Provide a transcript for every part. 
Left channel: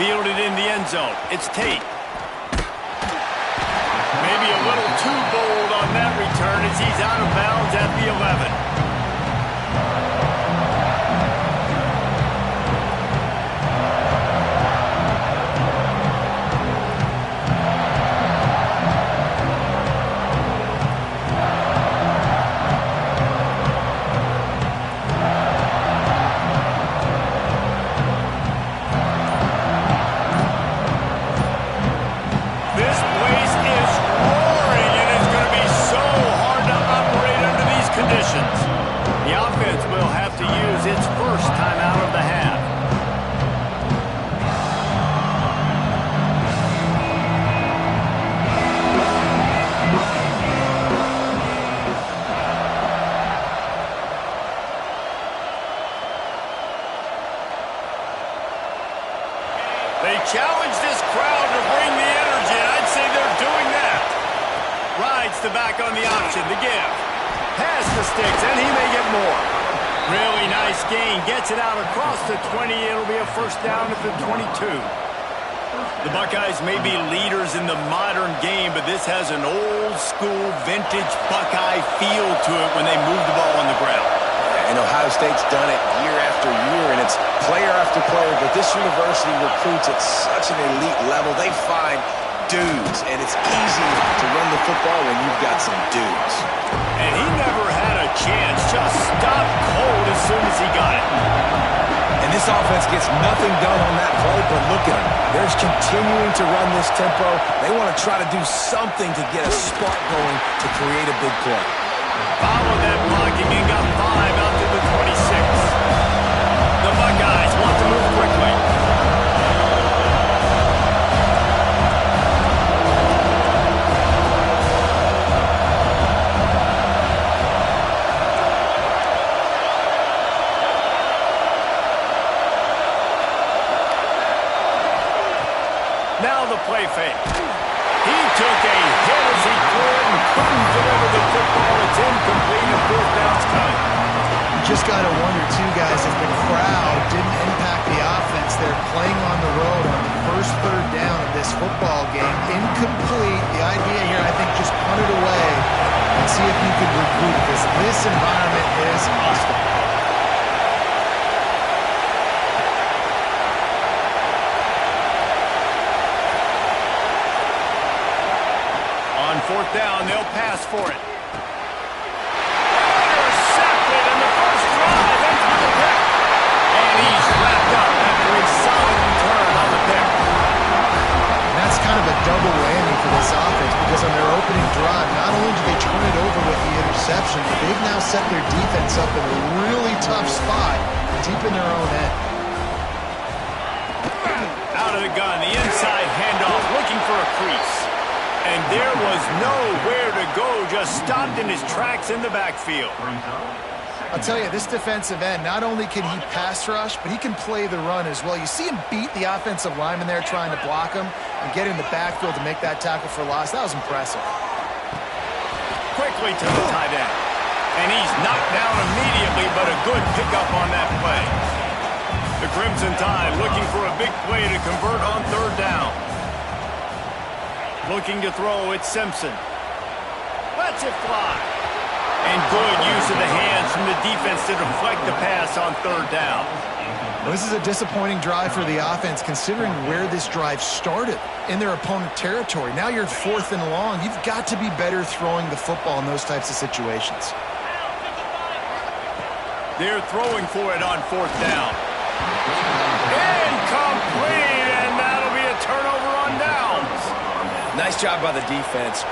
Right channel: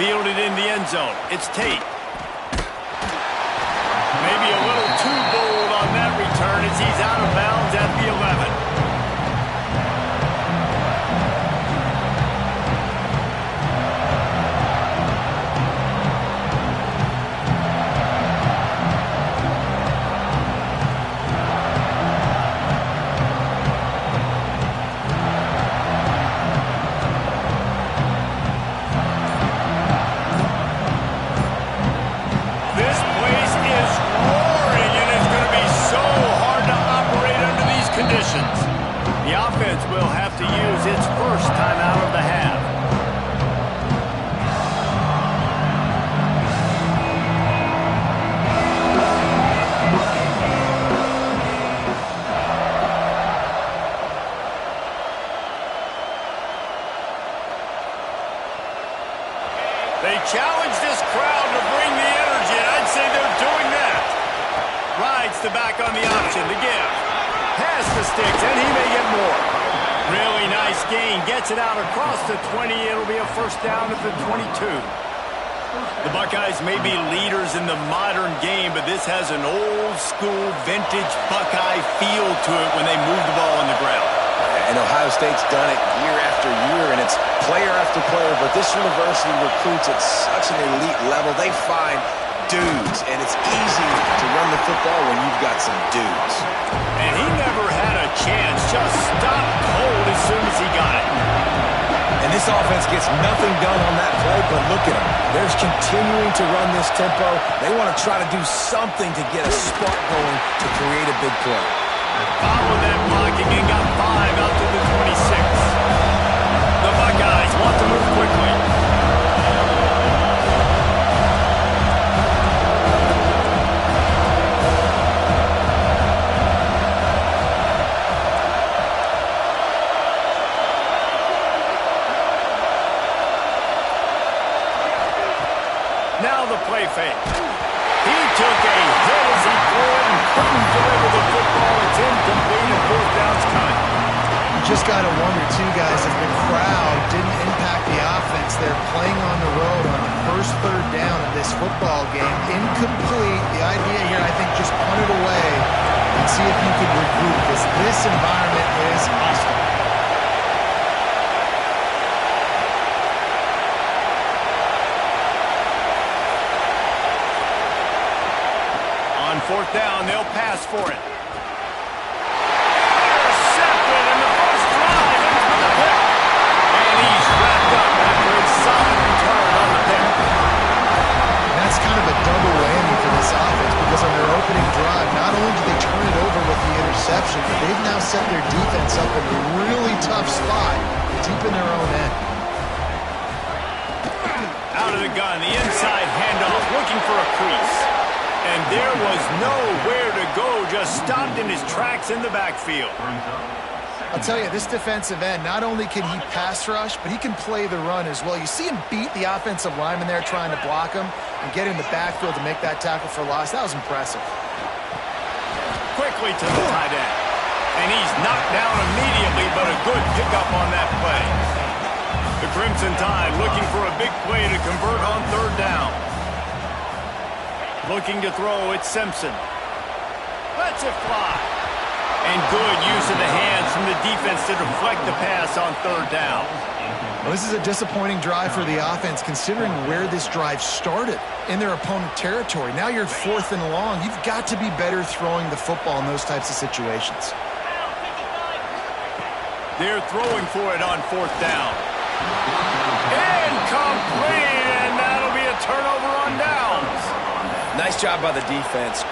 Fielded in the end zone. It's Tate. Maybe a little too bold on that return as he's out of bounds at the 11. The offense will have to use its first timeout of the half. They challenge this crowd to bring the energy, and I'd say they're doing that. Rides the back on the option to give. Pass the sticks, and he may get more. Really nice gain. Gets it out across the 20. It'll be a first down at the 22. The Buckeyes may be leaders in the modern game, but this has an old-school, vintage Buckeye feel to it when they move the ball on the ground. And Ohio State's done it year after year, and it's player after player, but this university recruits at such an elite level. They find dudes, and it's easy to run the football when you've got some dudes. And he never had a chance, just stopped cold as soon as he got it. And this offense gets nothing done on that play, but look at them. They're continuing to run this tempo. They want to try to do something to get a spark going to create a big play. Followed that blocking and got 5 out to the 26. The Buckeyes want to move quickly. Now the play fake. He took a hit as he threw it and couldn't deliver the football. It's incomplete and fourth down's coming. You just got to wonder, too, guys, if the crowd didn't impact the offense. They're playing on the road on the first third down of this football game. Incomplete. The idea here, I think, just punt it away and see if you can regroup, because this environment is hostile. On fourth down, they'll pass for it. Intercepted, and the first drive ends with a pick. And he's wrapped up after a solid return on the pick. And that's kind of a double whammy for this offense, because on their opening drive, not only did they turn it over with the interception, but they've now set their defense up in a really tough spot deep in their own end. Out of the gun, the inside handoff, looking for a crease. And there was nowhere to go, just stopped in his tracks in the backfield. I'll tell you, this defensive end, not only can he pass rush, but he can play the run as well. You see him beat the offensive lineman there trying to block him and get in the backfield to make that tackle for loss. That was impressive. Quickly to the tight end. And he's knocked down immediately, but a good pickup on that play. The Crimson Tide looking for a big play to convert on third down. Looking to throw, it's Simpson. Lets it fly. And good use of the hands from the defense to deflect the pass on third down. Well, this is a disappointing drive for the offense, considering where this drive started, in their opponent territory. Now you're 4th and long. You've got to be better throwing the football in those types of situations. They're throwing for it on fourth down. Incomplete, and that'll be a turnover on downs. Nice job by the defense.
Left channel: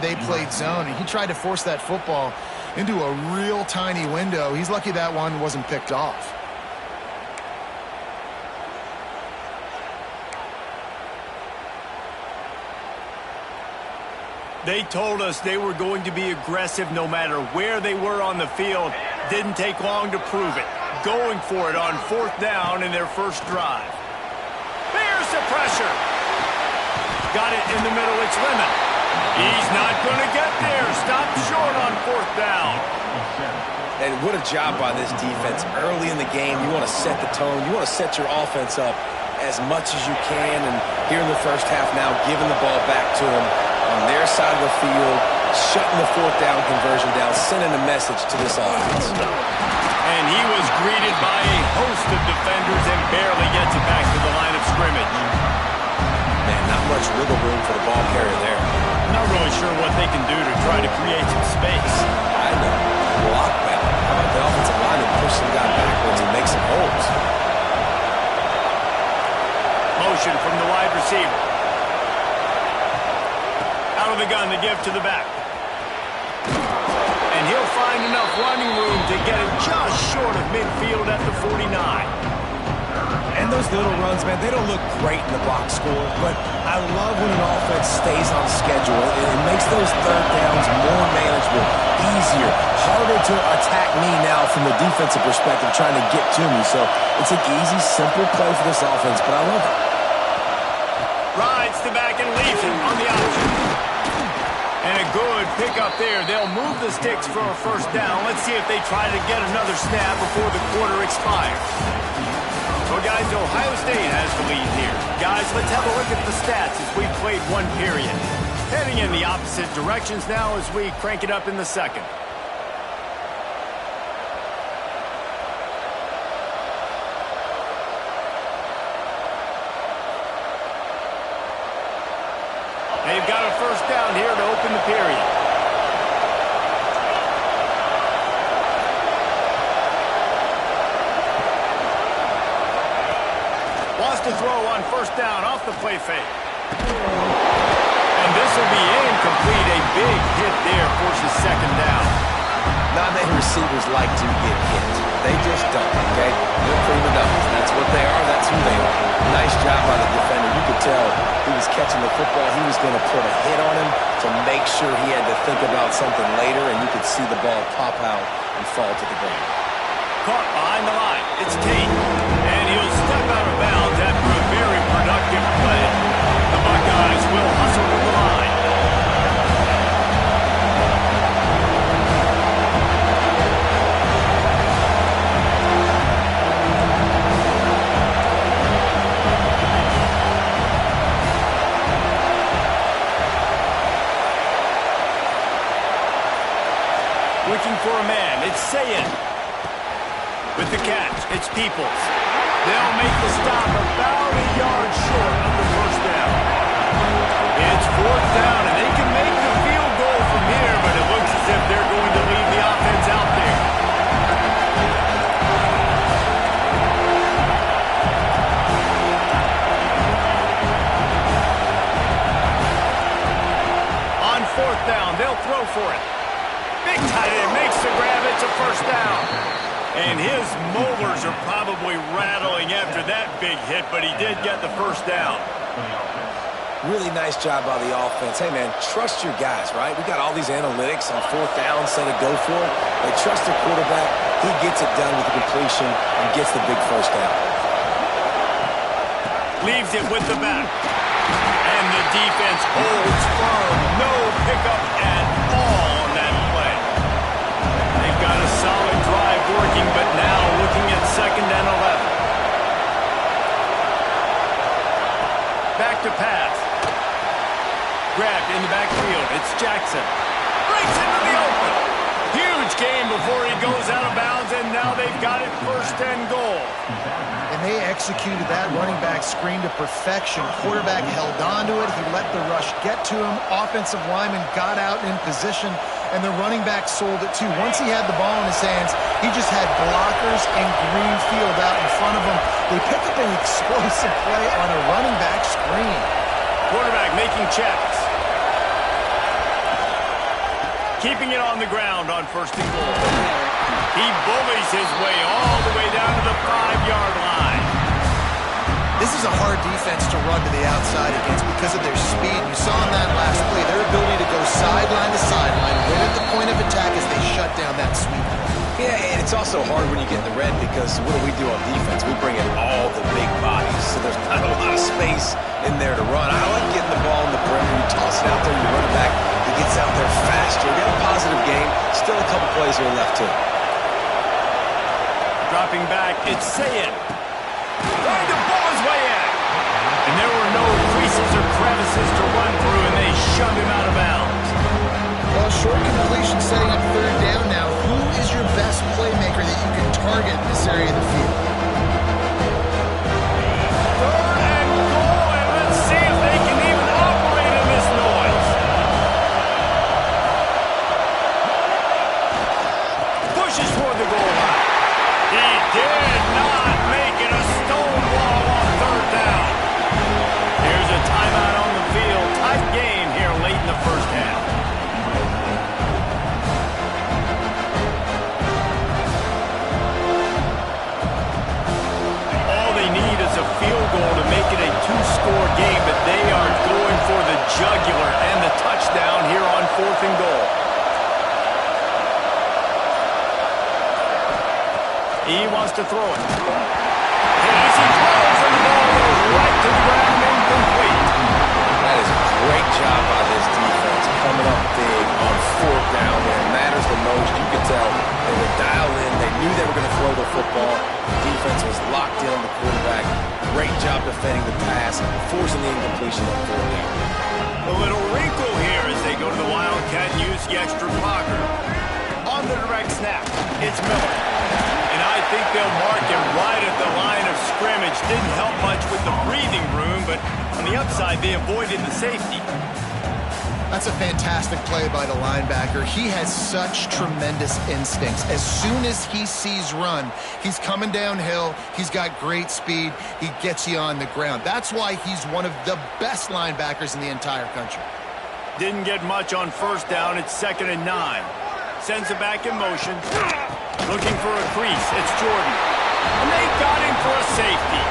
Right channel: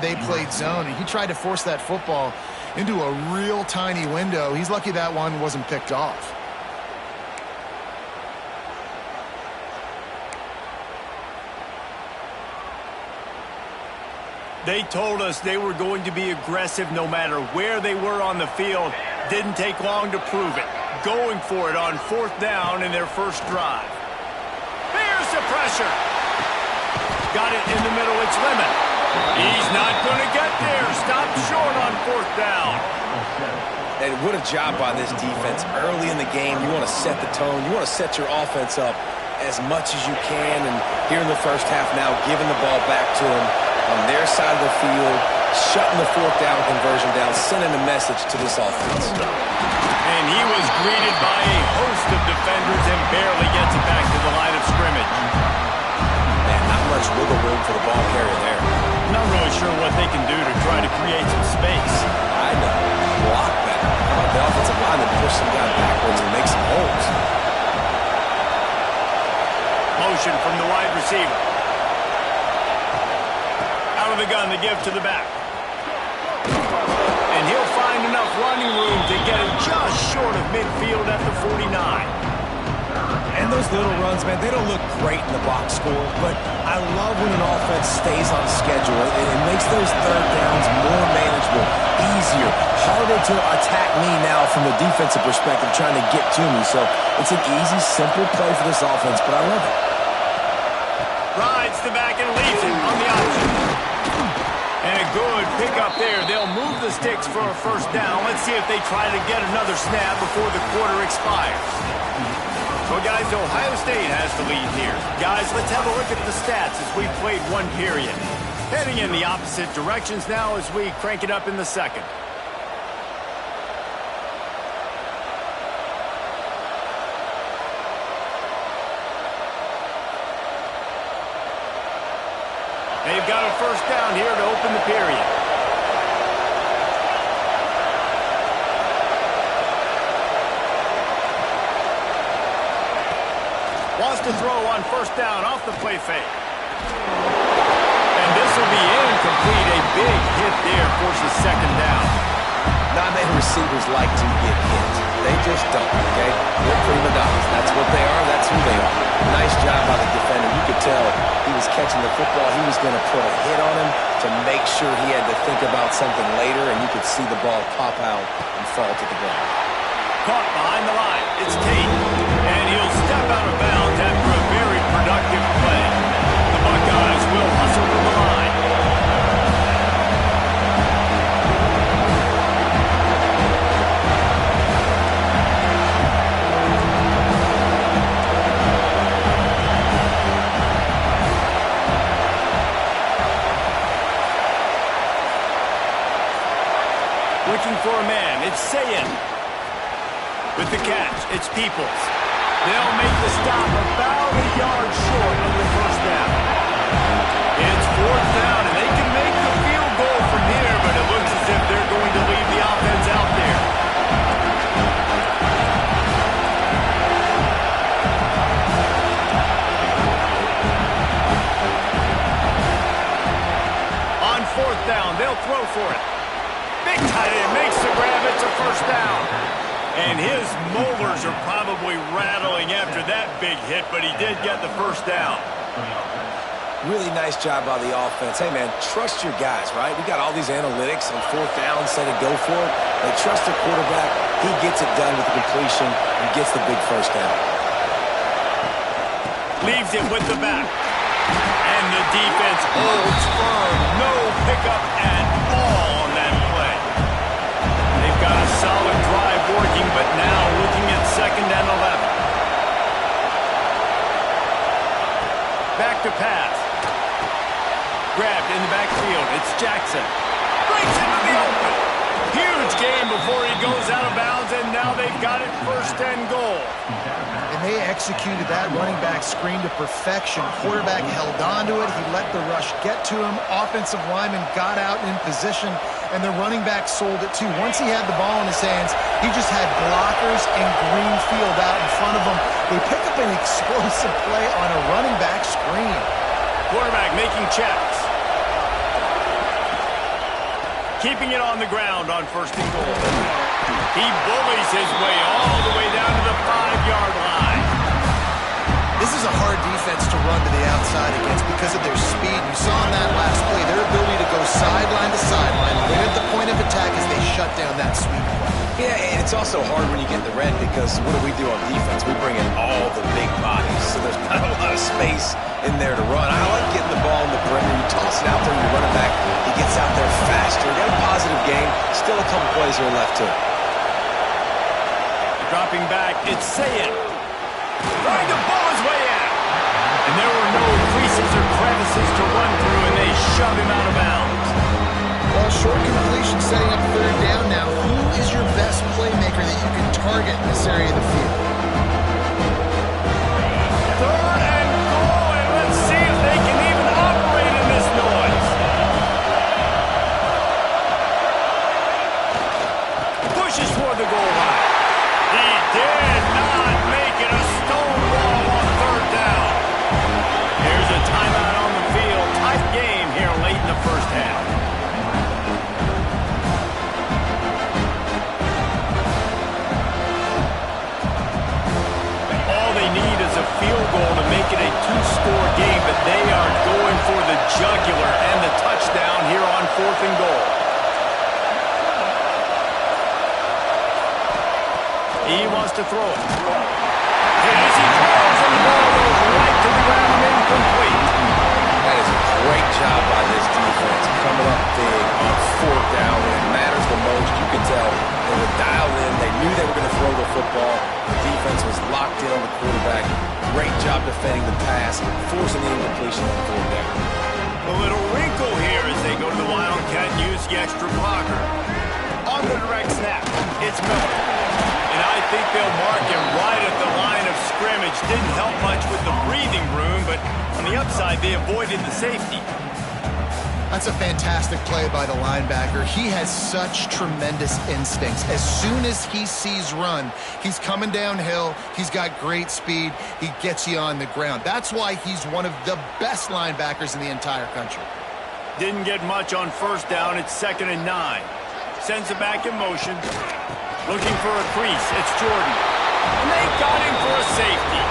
They played zone, and he tried to force that football into a real tiny window. He's lucky that one wasn't picked off. They told us they were going to be aggressive no matter where they were on the field. Didn't take long to prove it. Going for it on 4th down in their first drive. There's the pressure. Got it in the middle. It's Lemon. He's not going to get there. Stop short on 4th down. And what a job by this defense. Early in the game, you want to set the tone. You want to set your offense up as much as you can. And here in the first half now, giving the ball back to them on their side of the field, shutting the 4th down conversion down, sending a message to this offense. And he was greeted by a host of defenders and barely gets it back to the line of scrimmage. Man, not much wiggle room for the ball carrier there. Not really sure what they can do to try to create some space. I know. Block better. How about the offensive lineman push some guy backwards and make some holes? Motion from the wide receiver. Out of the gun to give to the back. And he'll find enough running room to get it just short of midfield at the 49. And those little runs, man, they don't look great in the box score, but I love when an offense stays on schedule. It makes those 3rd downs more manageable, easier, harder to attack me now from the defensive perspective trying to get to me. So it's an easy, simple play for this offense, but I love it. Rides the back and leaves it on the option. And a good pickup there. They'll move the sticks for a 1st down. Let's see if they try to get another snap before the quarter expires. Well, guys, Ohio State has the lead here. Guys, let's have a look at the stats as we played 1 period. Heading in the opposite directions now as we crank it up in the 2nd. They've got a 1st down here to open the period. Wants to throw on 1st down off the play fake. And this will be incomplete. A big hit there forces 2nd down. Not many receivers like to get hit. They just don't, okay? They're prima donnas. That's what they are. That's who they are. Nice job by the defender. You could tell he was catching the football. He was going to put a hit on him to make sure he had to think about something later, and you could see the ball pop out and fall to the ground. Caught behind the line. It's Tate. And he'll step out of bounds after a very productive play. The Buckeyes will hustle to the line. Looking for a man. It's Sayin. With the catch, it's Peoples. They'll make the stop about a yard short of the 1st down. It's 4th down, and they can make the field goal from here, but it looks as if they're going to leave the offense out there. On 4th down, they'll throw for it. Big tight end makes the grab. It's a 1st down. And his molars are probably rattling after that big hit, but he did get the 1st down. Really nice job by the offense. Hey, man, trust your guys, right? We got all these analytics on 4th down, say to go for it. They trust their quarterback. He gets it done with the completion and gets the big 1st down. Leaves it with the back. And the defense holds firm. No pickup at all on that play. They've got a solid drive working, but now looking at 2nd and 11. Back to pass. Grabbed in the backfield. It's Jackson. Breaks into the open. Huge game before he goes out of bounds, and now they've got it 1st and goal. And they executed that running back screen to perfection. Quarterback held on to it. He let the rush get to him. Offensive lineman got out in position, and the running back sold it too. Once he had the ball in his hands, he just had blockers and green field out in front of him. They pick up an explosive play on a running back screen. Quarterback making checks. keeping it on the ground on 1st and goal. He bullies his way all the way down to the 5-yard line. This is a hard defense to run to the outside against because of their speed. You saw in that last play their ability to go sideline to sideline, right at the point of attack as they shut down that sweep play. Yeah, and it's also hard when you get in the red because what do we do on defense? We bring in all the big bodies, so there's not a lot of space in there to run. I like getting the ball in the perimeter. You toss it out there, you run it back. He gets out there faster. Got a positive game. Still a couple plays here left to it. Dropping back, it's Sayin. Trying to ball his way in. And there were no creases or crevices to run through, and they shove him out of bounds. Well, short completion setting up 3rd down now. Who is your best playmaker that you can target in this area of the field? 3rd and goal, and let's see if they can even operate in this noise. Pushes toward the goal line. He did not make it a stone wall on 3rd down. Here's a timeout on the field. Tight game here late in the 1st half. All they need is a field goal to make it a 2-score game, but they are going for the jugular and the touchdown here on 4th and goal. He wants to throw it. And as he throws, and the ball goes right to the ground, incomplete. That is a great job by this defense, coming up big on 4th down when it matters the most. You could tell they were dialed in. They knew they were going to throw the football. The defense was locked in on the quarterback. Great job defending the pass, forcing the incompletion on 4th down. A little wrinkle here as they go to the Wildcat and use the extra blocker. On the direct snap, it's Miller. And I think they'll mark him right at the line of scrimmage. Didn't help much with the breathing room, but on the upside, they avoided the safety. That's a fantastic play by the linebacker. He has such tremendous instincts. As soon as he sees run, he's coming downhill. He's got great speed. He gets you on the ground. That's why he's one of the best linebackers in the entire country. Didn't get much on 1st down. It's 2nd and 9. Sends it back in motion. Looking for a crease. It's Jordan. And they got him for a safety.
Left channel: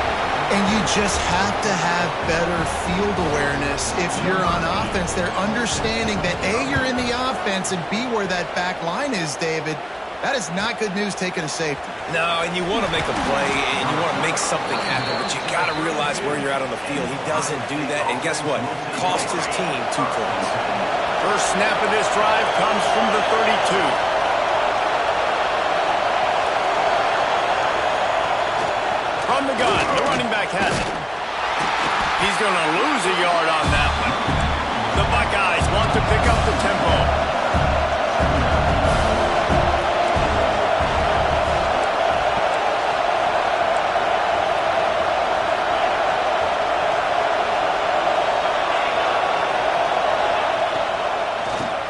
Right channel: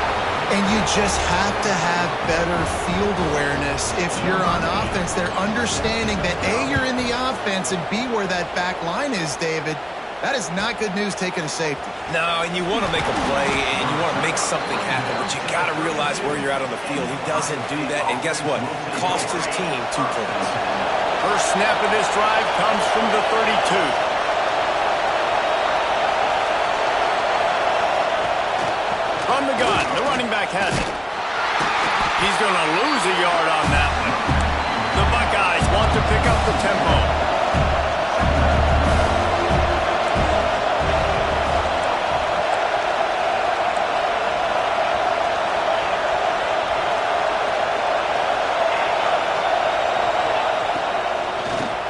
And you just have to have better field awareness if you're on offense. They're understanding that A, you're in the offense, and B, where that back line is, David. That is not good news taking a safety. No, and you want to make a play, and you want to make something happen, but you got to realize where you're at on the field. He doesn't do that, and guess what? Cost his team 2 points. First snap of this drive comes from the 32. From the gun, the running back has it. He's going to lose a yard on that one. The Buckeyes want to pick up the tempo.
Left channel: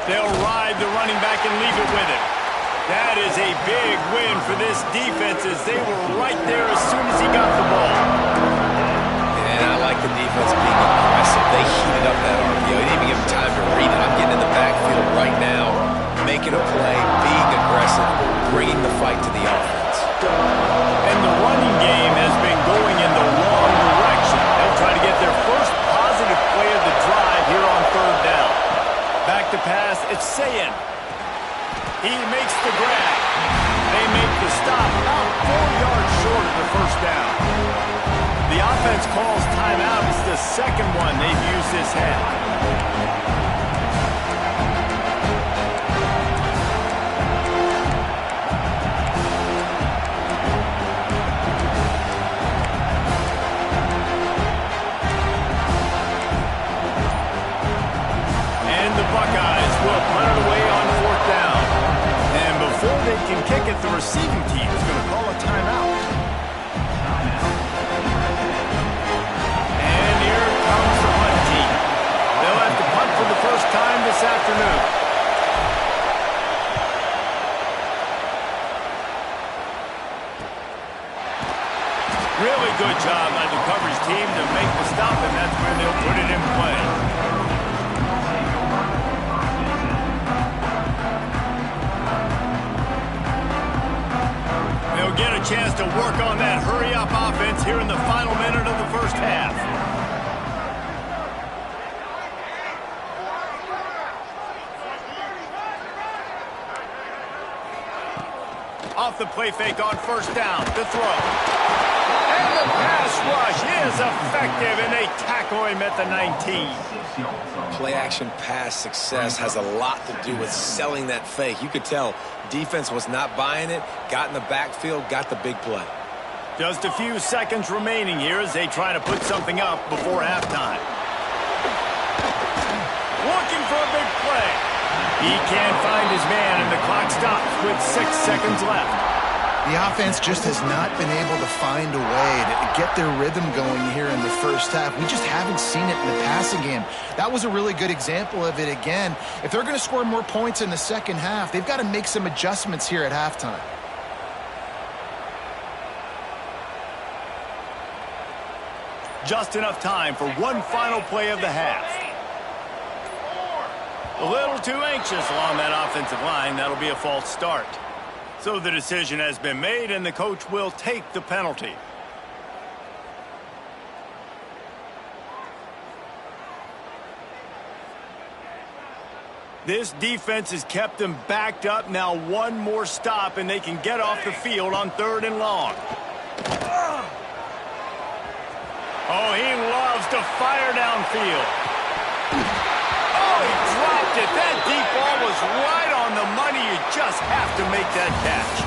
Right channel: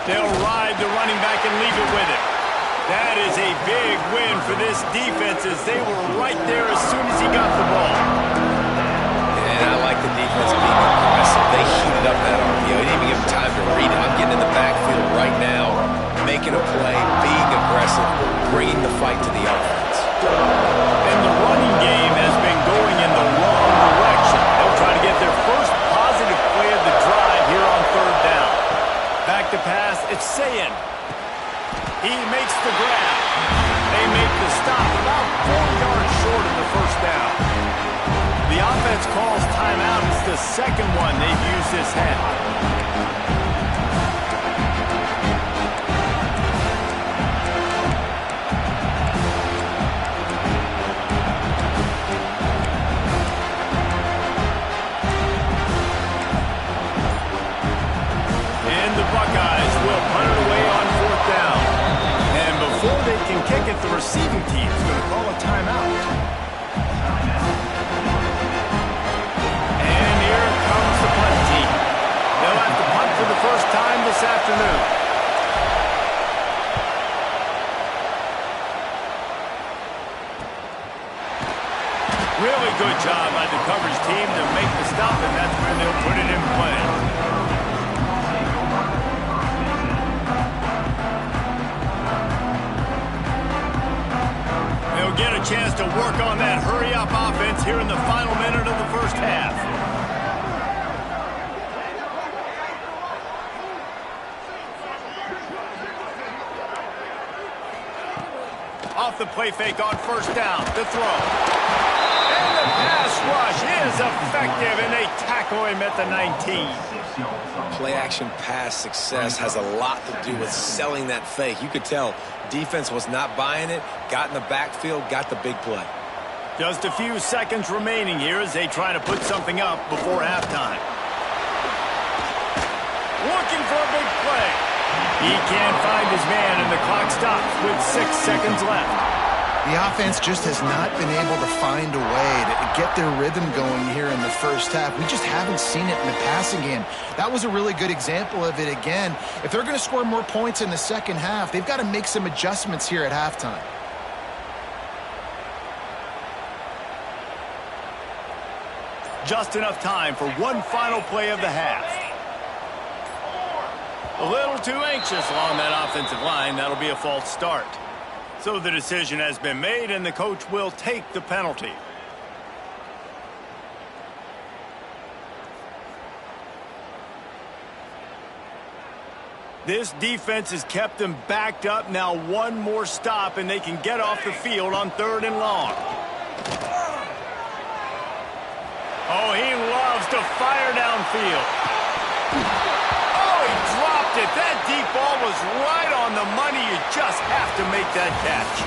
They'll ride the running back and leave it with him. That is a big win for this defense as they were right there as soon as he got the ball. And I like the defense being aggressive. They heated up that RPO. He didn't even give him time to read it. I'm getting in the backfield right now, making a play, being aggressive, bringing the fight to the offense. And the running game has been going in the wrong direction. They'll try to get their first positive play of the drive here on 3rd down. Back to pass, it's Sayin. He makes the grab. They make the stop about 4 yards short of the 1st down. The offense calls timeout. It's the 2nd one they've used this half. And the Buckeyes will punt it away on 4th down. And before they can kick it, the receiving team is going to call a timeout. And here comes the punt team. They'll have to punt for the first time this afternoon. Really good job by the coverage team to make the stop, and that's where they'll put it in play. will get a chance to work on that hurry-up offense here in the final minute of the first half. Off the play fake on first down. The throw. And the pass rush is effective, and they tackle him at the 19. Play-action pass success has a lot to do with selling that fake. You could tell defense was not buying it, got in the backfield, got the big play. Just a few seconds remaining here as they try to put something up before halftime. Looking for a big play. He can't find his man, and the clock stops with 6 seconds left. The offense just has not been able to find a way to get their rhythm going here in the first half. We just haven't seen it in the passing game. That was a really good example of it again. If they're going to score more points in the second half, they've got to make some adjustments here at halftime. Just enough time for one final play of the half. A little too anxious along that offensive line. That'll be a false start. So the decision has been made, and the coach will take the penalty. This defense has kept them backed up. Now one more stop, and they can get off the field on 3rd and long. Oh, he loves to fire downfield. Oh, he dropped it. That deep ball was right on the money. You just have to make that catch.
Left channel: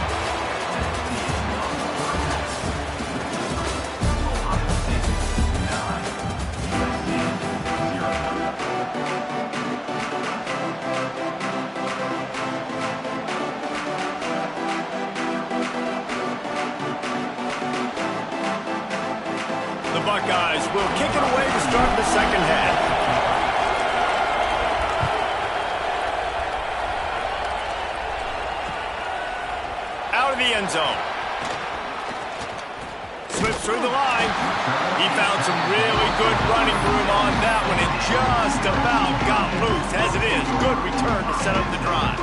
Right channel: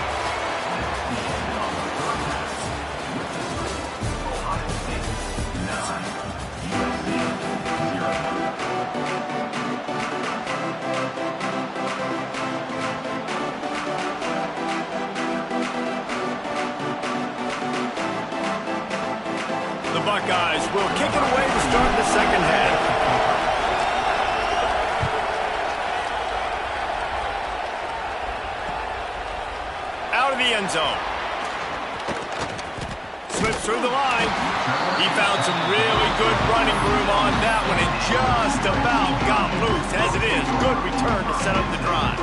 The Buckeyes will kick it away to start the second half. Out of the end zone. Slips through the line. He found some really good running room on that one and just about got loose. As it is, good return to set up the drive.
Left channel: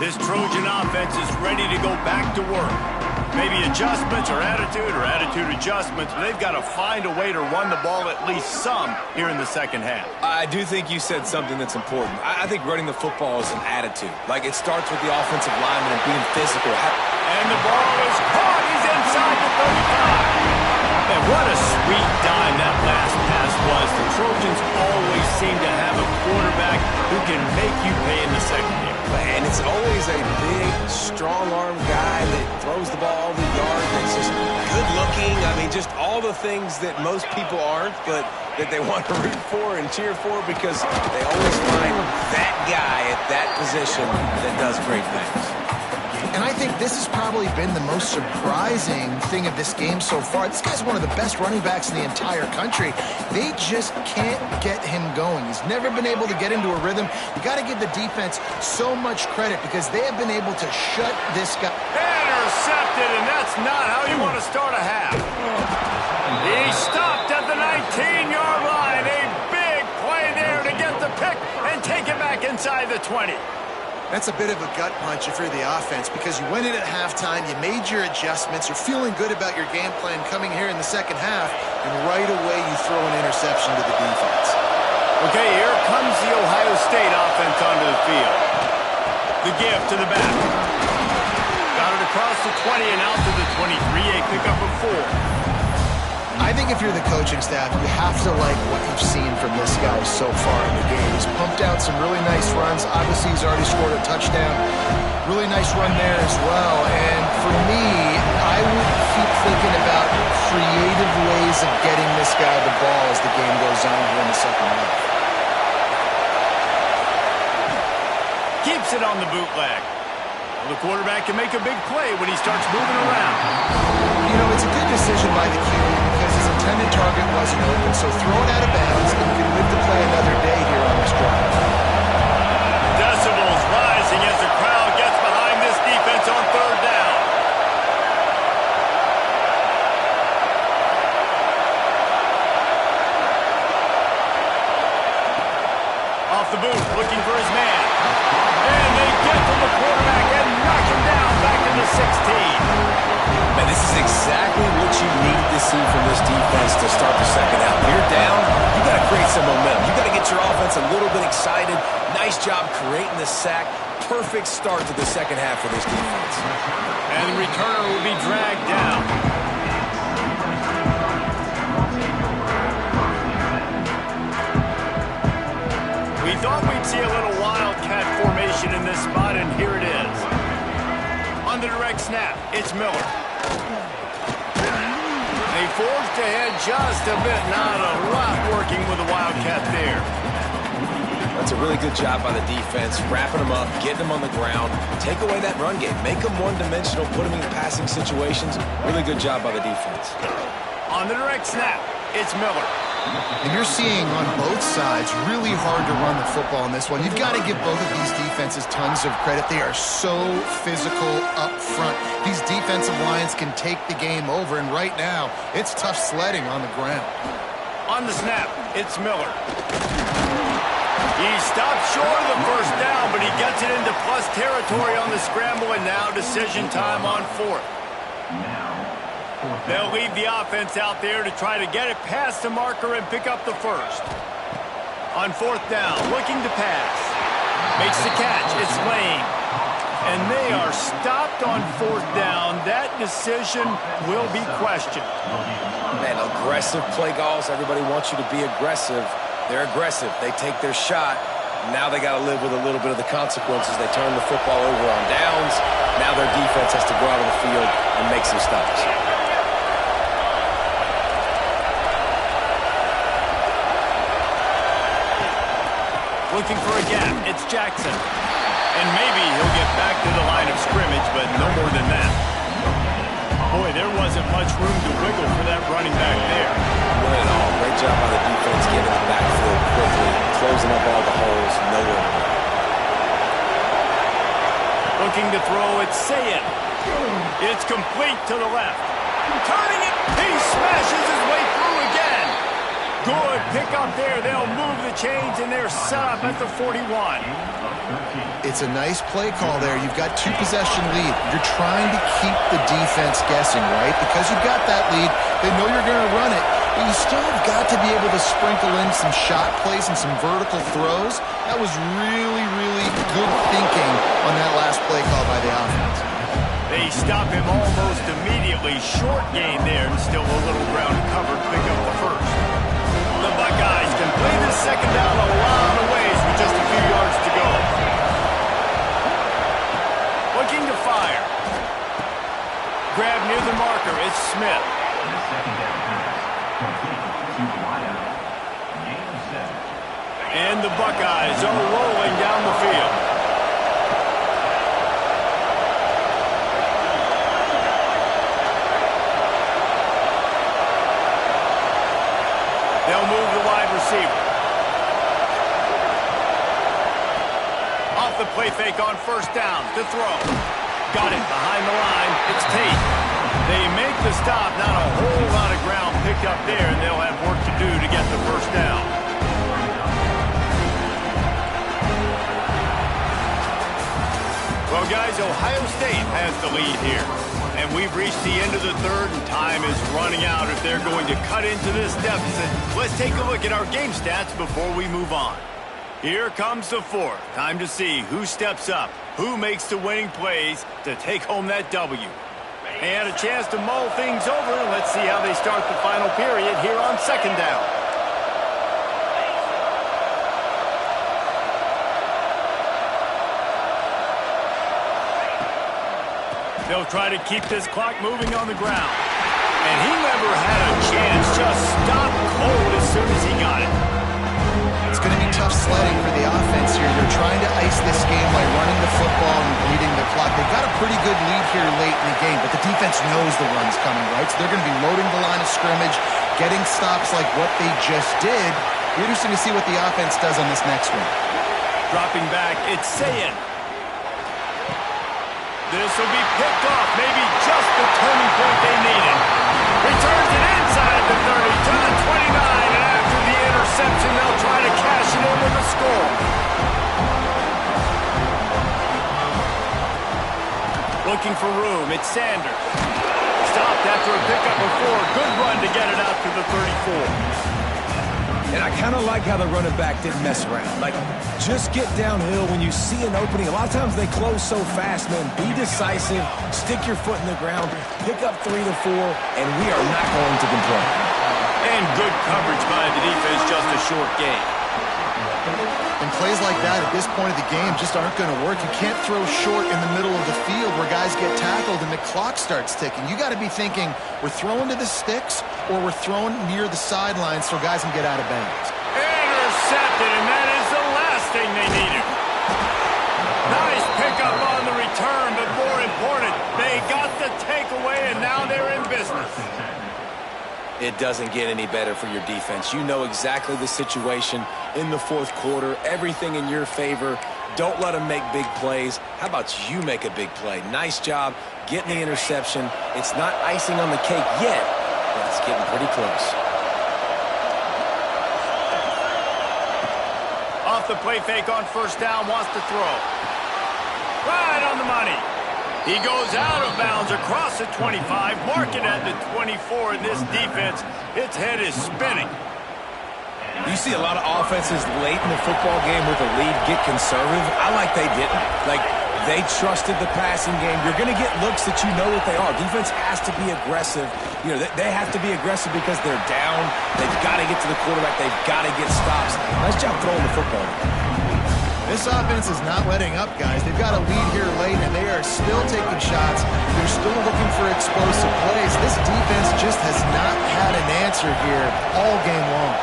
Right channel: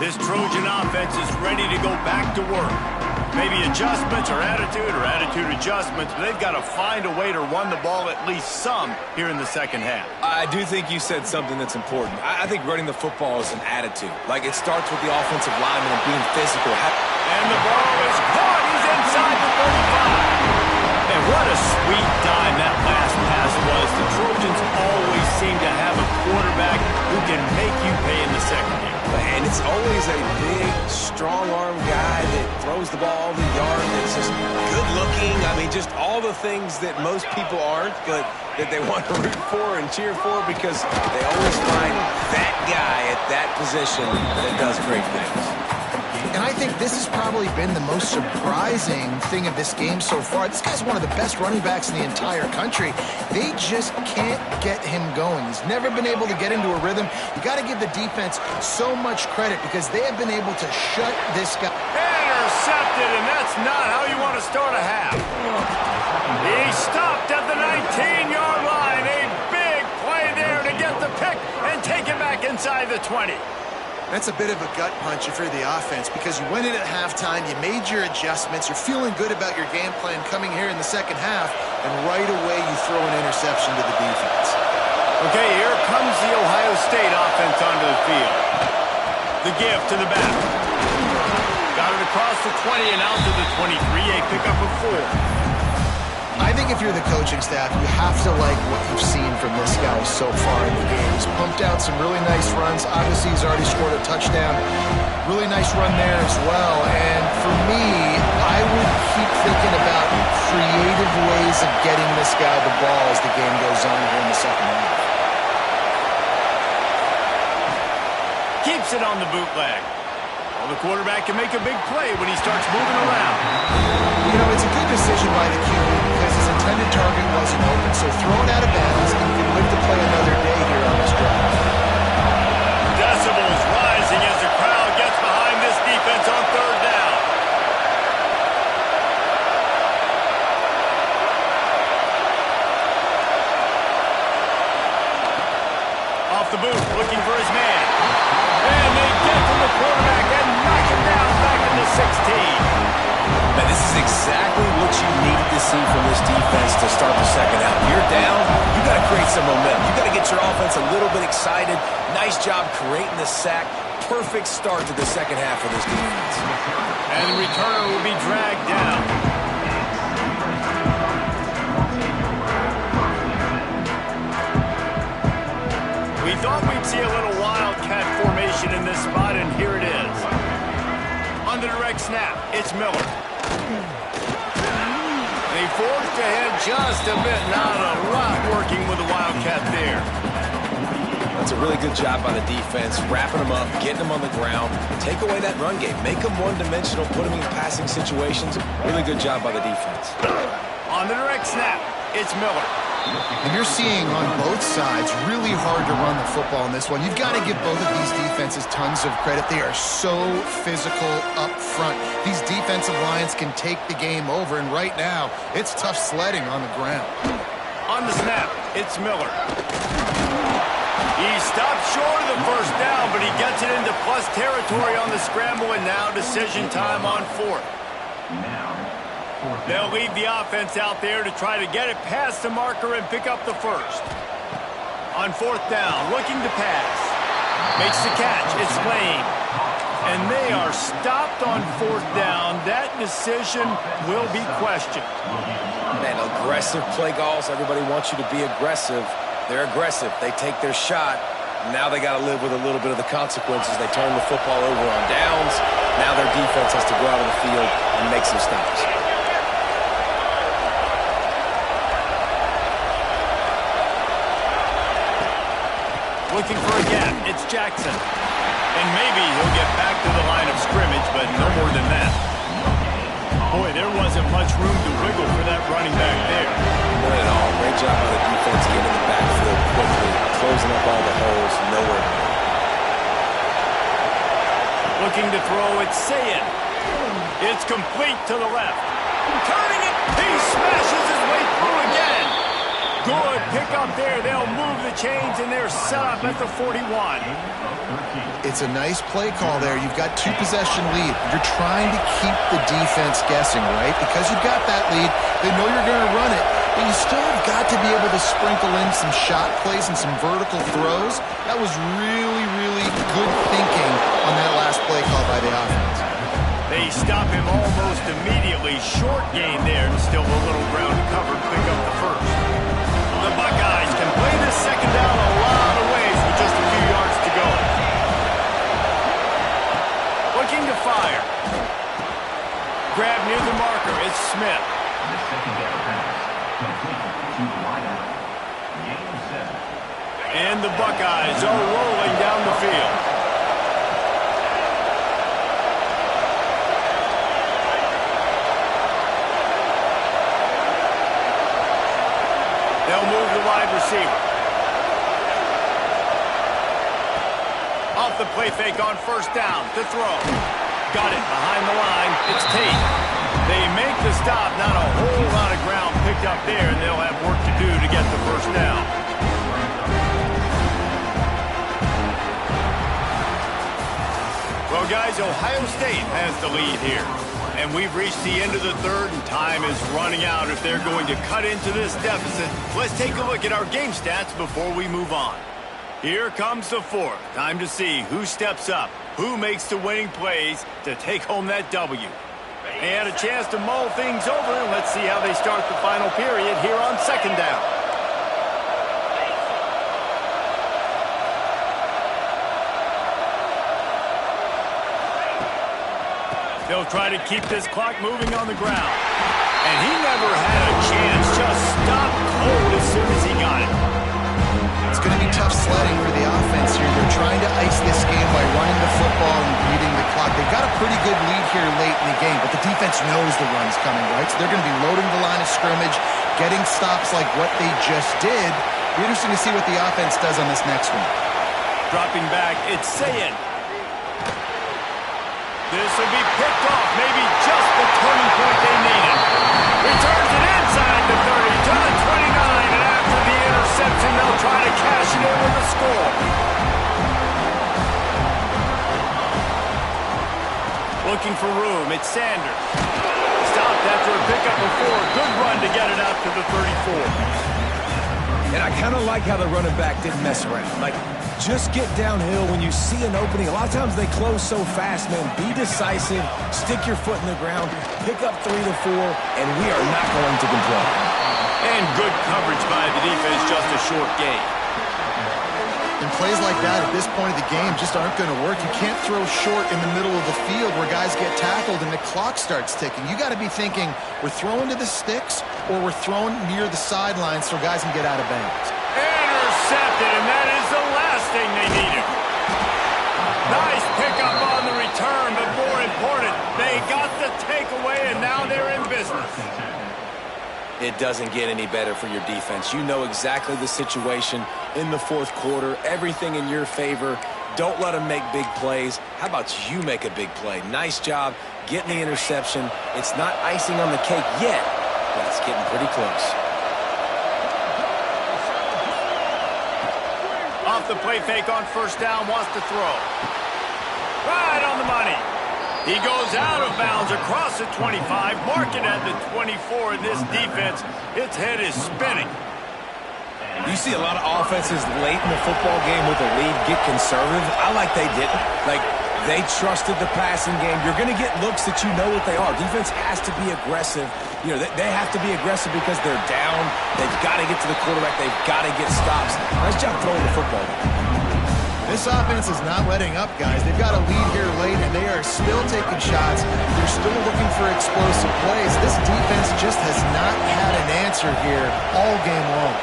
This Trojan offense is ready to go back to work. Maybe adjustments or attitude adjustments, but they've got to find a way to run the ball at least some here in the second half. I do think you said something that's important. I think running the football is an attitude. Like, it starts with the offensive lineman and being physical. And the ball is caught. He's inside the 35. And what a sweet dime that last pass was. The Trojans always seem to have a quarterback who can make you pay in the secondary. And it's always a big, strong-arm guy that throws the ball the yard, that's just good-looking. I mean, just all the things that most people aren't, but that they want to root for and cheer for, because they always find that guy at that position that does great things. And I think this has probably been the most surprising thing of this game so far. This guy's one of the best running backs in the entire country. They just can't get him going. He's never been able to get into a rhythm. You got to give the defense so much credit because they have been able to shut this guy. Intercepted, and that's not how you want to start a half. He stopped at the 19-yard line. A big play there to get the pick and take it back inside the 20. That's a bit of a gut punch if you're the offense because you went in at halftime, you made your adjustments, you're feeling good about your game plan coming here in the second half, and right away you throw an interception to the defense. Okay, here comes the Ohio State offense onto the field. The give to the back. Got it across the 20 and out to the 23, a pickup of 4. I think if you're the coaching staff, you have to like what you've seen from this guy so far in the game. He's pumped out some really nice runs. Obviously, he's already scored a touchdown. Really nice run there as well. And for me, I would keep thinking about creative ways of getting this guy the ball as the game goes on here in the second half. Keeps it on the bootleg. Well, the quarterback can make a big play when he starts moving around. You know, it's a good decision by the QB because his intended target wasn't open, so throw it out of bounds and you can live to play another day here on this drive. Decibels rising as the crowd gets behind this defense on 3rd down. Off the boot, looking for his man. And they get to the quarterback and knock him down back into 16. Man, this is exactly what you needed to see from this defense to start the second half. You're down, you got to create some momentum. You got to get your offense a little bit excited. Nice job creating the sack. Perfect start to the second half for this defense. And the returner will be dragged down. We thought we'd see a little wildcat formation in this spot, and here it is. On the direct snap, it's Miller. They forced ahead just a bit. Not a lot working with the wildcat there. That's a really good job by the defense, wrapping them up, getting them on the ground. Take away that run game. Make them one-dimensional, put them in passing situations. Really good job by the defense. On the direct snap, it's Miller. And you're seeing on both sides really hard to run the football in this one. You've got to give both of these defenses tons of credit. They are so physical up front. These defensive lines can take the game over, and right now, it's tough sledding on the ground. On the snap, it's Miller. He stopped short of the first down, but he gets it into plus territory on the scramble, and now decision time on fourth. They'll leave the offense out there to try to get it past the marker and pick up the first. On fourth down, looking to pass. Makes the catch. It's Lane. And they are stopped on fourth down. That decision will be questioned. Man, aggressive play calls. Everybody wants you to be aggressive. They're aggressive. They take their shot. Now they got to live with a little bit of the consequences. They turn the football over on downs. Now their defense has to go out on the field and make some stops. Looking for a gap. It's Jackson. And maybe he'll get back to the line of scrimmage, but no more than that. Boy, there wasn't much room to wiggle for that running back there. Not at all. Great job by the defense getting the backfield quickly, closing up all the holes, nowhere to go. Looking to throw, it's Sayin. It's complete to the left. Turning it, he smashes his way through again. Good pickup there. They'll move the chains, and they're set up at the 41. It's a nice play call there. You've got two-possession lead. You're trying to keep the defense guessing, right? Because you've got that lead, they know you're going to run it, but you still have got to be able to sprinkle in some shot plays and some vertical throws. That was really, really good thinking on that last play call by the offense. They stop him almost immediately. Short gain there, and still a little ground to cover to pick up the first. The Buckeyes can play this second down a lot of ways with just a few yards to go. Looking to fire. Grab near the marker. It's Smith. The second down pass complete to the wideout. Gain of 7. And the Buckeyes are rolling down the field. They'll move the wide receiver. Off the play fake on first down to throw. Got it behind the line. It's Tate. They make the stop. Not a whole lot of ground picked up there, and they'll have work to do to get the first down. Well, guys, Ohio State has the lead here. And we've reached the end of the third, and time is running out if they're going to cut into this deficit. Let's take a look at our game stats before we move on. Here comes the fourth. Time to see who steps up, who makes the winning plays to take home that W. And a chance to mull things over, and let's see how they start the final period here on second down. They'll try to keep this clock moving on the ground. And he never had a chance. Just stopped cold as soon as he got it. It's going to be tough sledding for the offense here. They're trying to ice this game by running the football and beating the clock. They've got a pretty good lead here late in the game, but the defense knows the run's coming, right? So they're going to be loading the line of scrimmage, getting stops like what they just did. Be interesting to see what the offense does on this next one. Dropping back, it's Sayin. This will be picked off, maybe just the turning point they needed. Returns it inside the 30 to the 29, and after the interception, they'll try to cash it in with a score. Looking for room. It's Sanders. Stopped after a pickup of 4. Good run to get it out to the 34. And I kind of like how the running back didn't mess around. Like, just get downhill when you see an opening. A lot of times they close so fast, man. Be decisive, stick your foot in the ground, pick up 3 to 4, and we are not going to complain. And good coverage by the defense, just a short gain. And plays like that at this point of the game just aren't going to work. You can't throw short in the middle of the field where guys get tackled and the clock starts ticking. You got to be thinking we're throwing to the sticks or we're throwing near the sidelines so guys can get out of bounds. Intercepted, and that is the last thing they needed. Nice pickup on the return, but more important, they got the takeaway, and now they're in business. It doesn't get any better for your defense. You know exactly the situation in the fourth quarter, everything in your favor. Don't let them make big plays. How about you make a big play? Nice job getting the interception. It's not icing on the cake yet, but it's getting pretty close. Off the play fake on first down, wants to throw. Right on the money. He goes out of bounds across the 25, marking at the 24. In this defense, its head is spinning. You see a lot of offenses late in the football game with a lead get conservative. I like they didn't. Like, they trusted the passing game. You're going to get looks that you know what they are. Defense has to be aggressive. You know, they have to be aggressive because they're down. They've got to get to the quarterback. They've got to get stops. Nice job throwing the football. This offense is not letting up, guys. They've got a lead here late, and they are still taking shots. They're still looking for explosive plays. This defense just has not had an answer here all game long.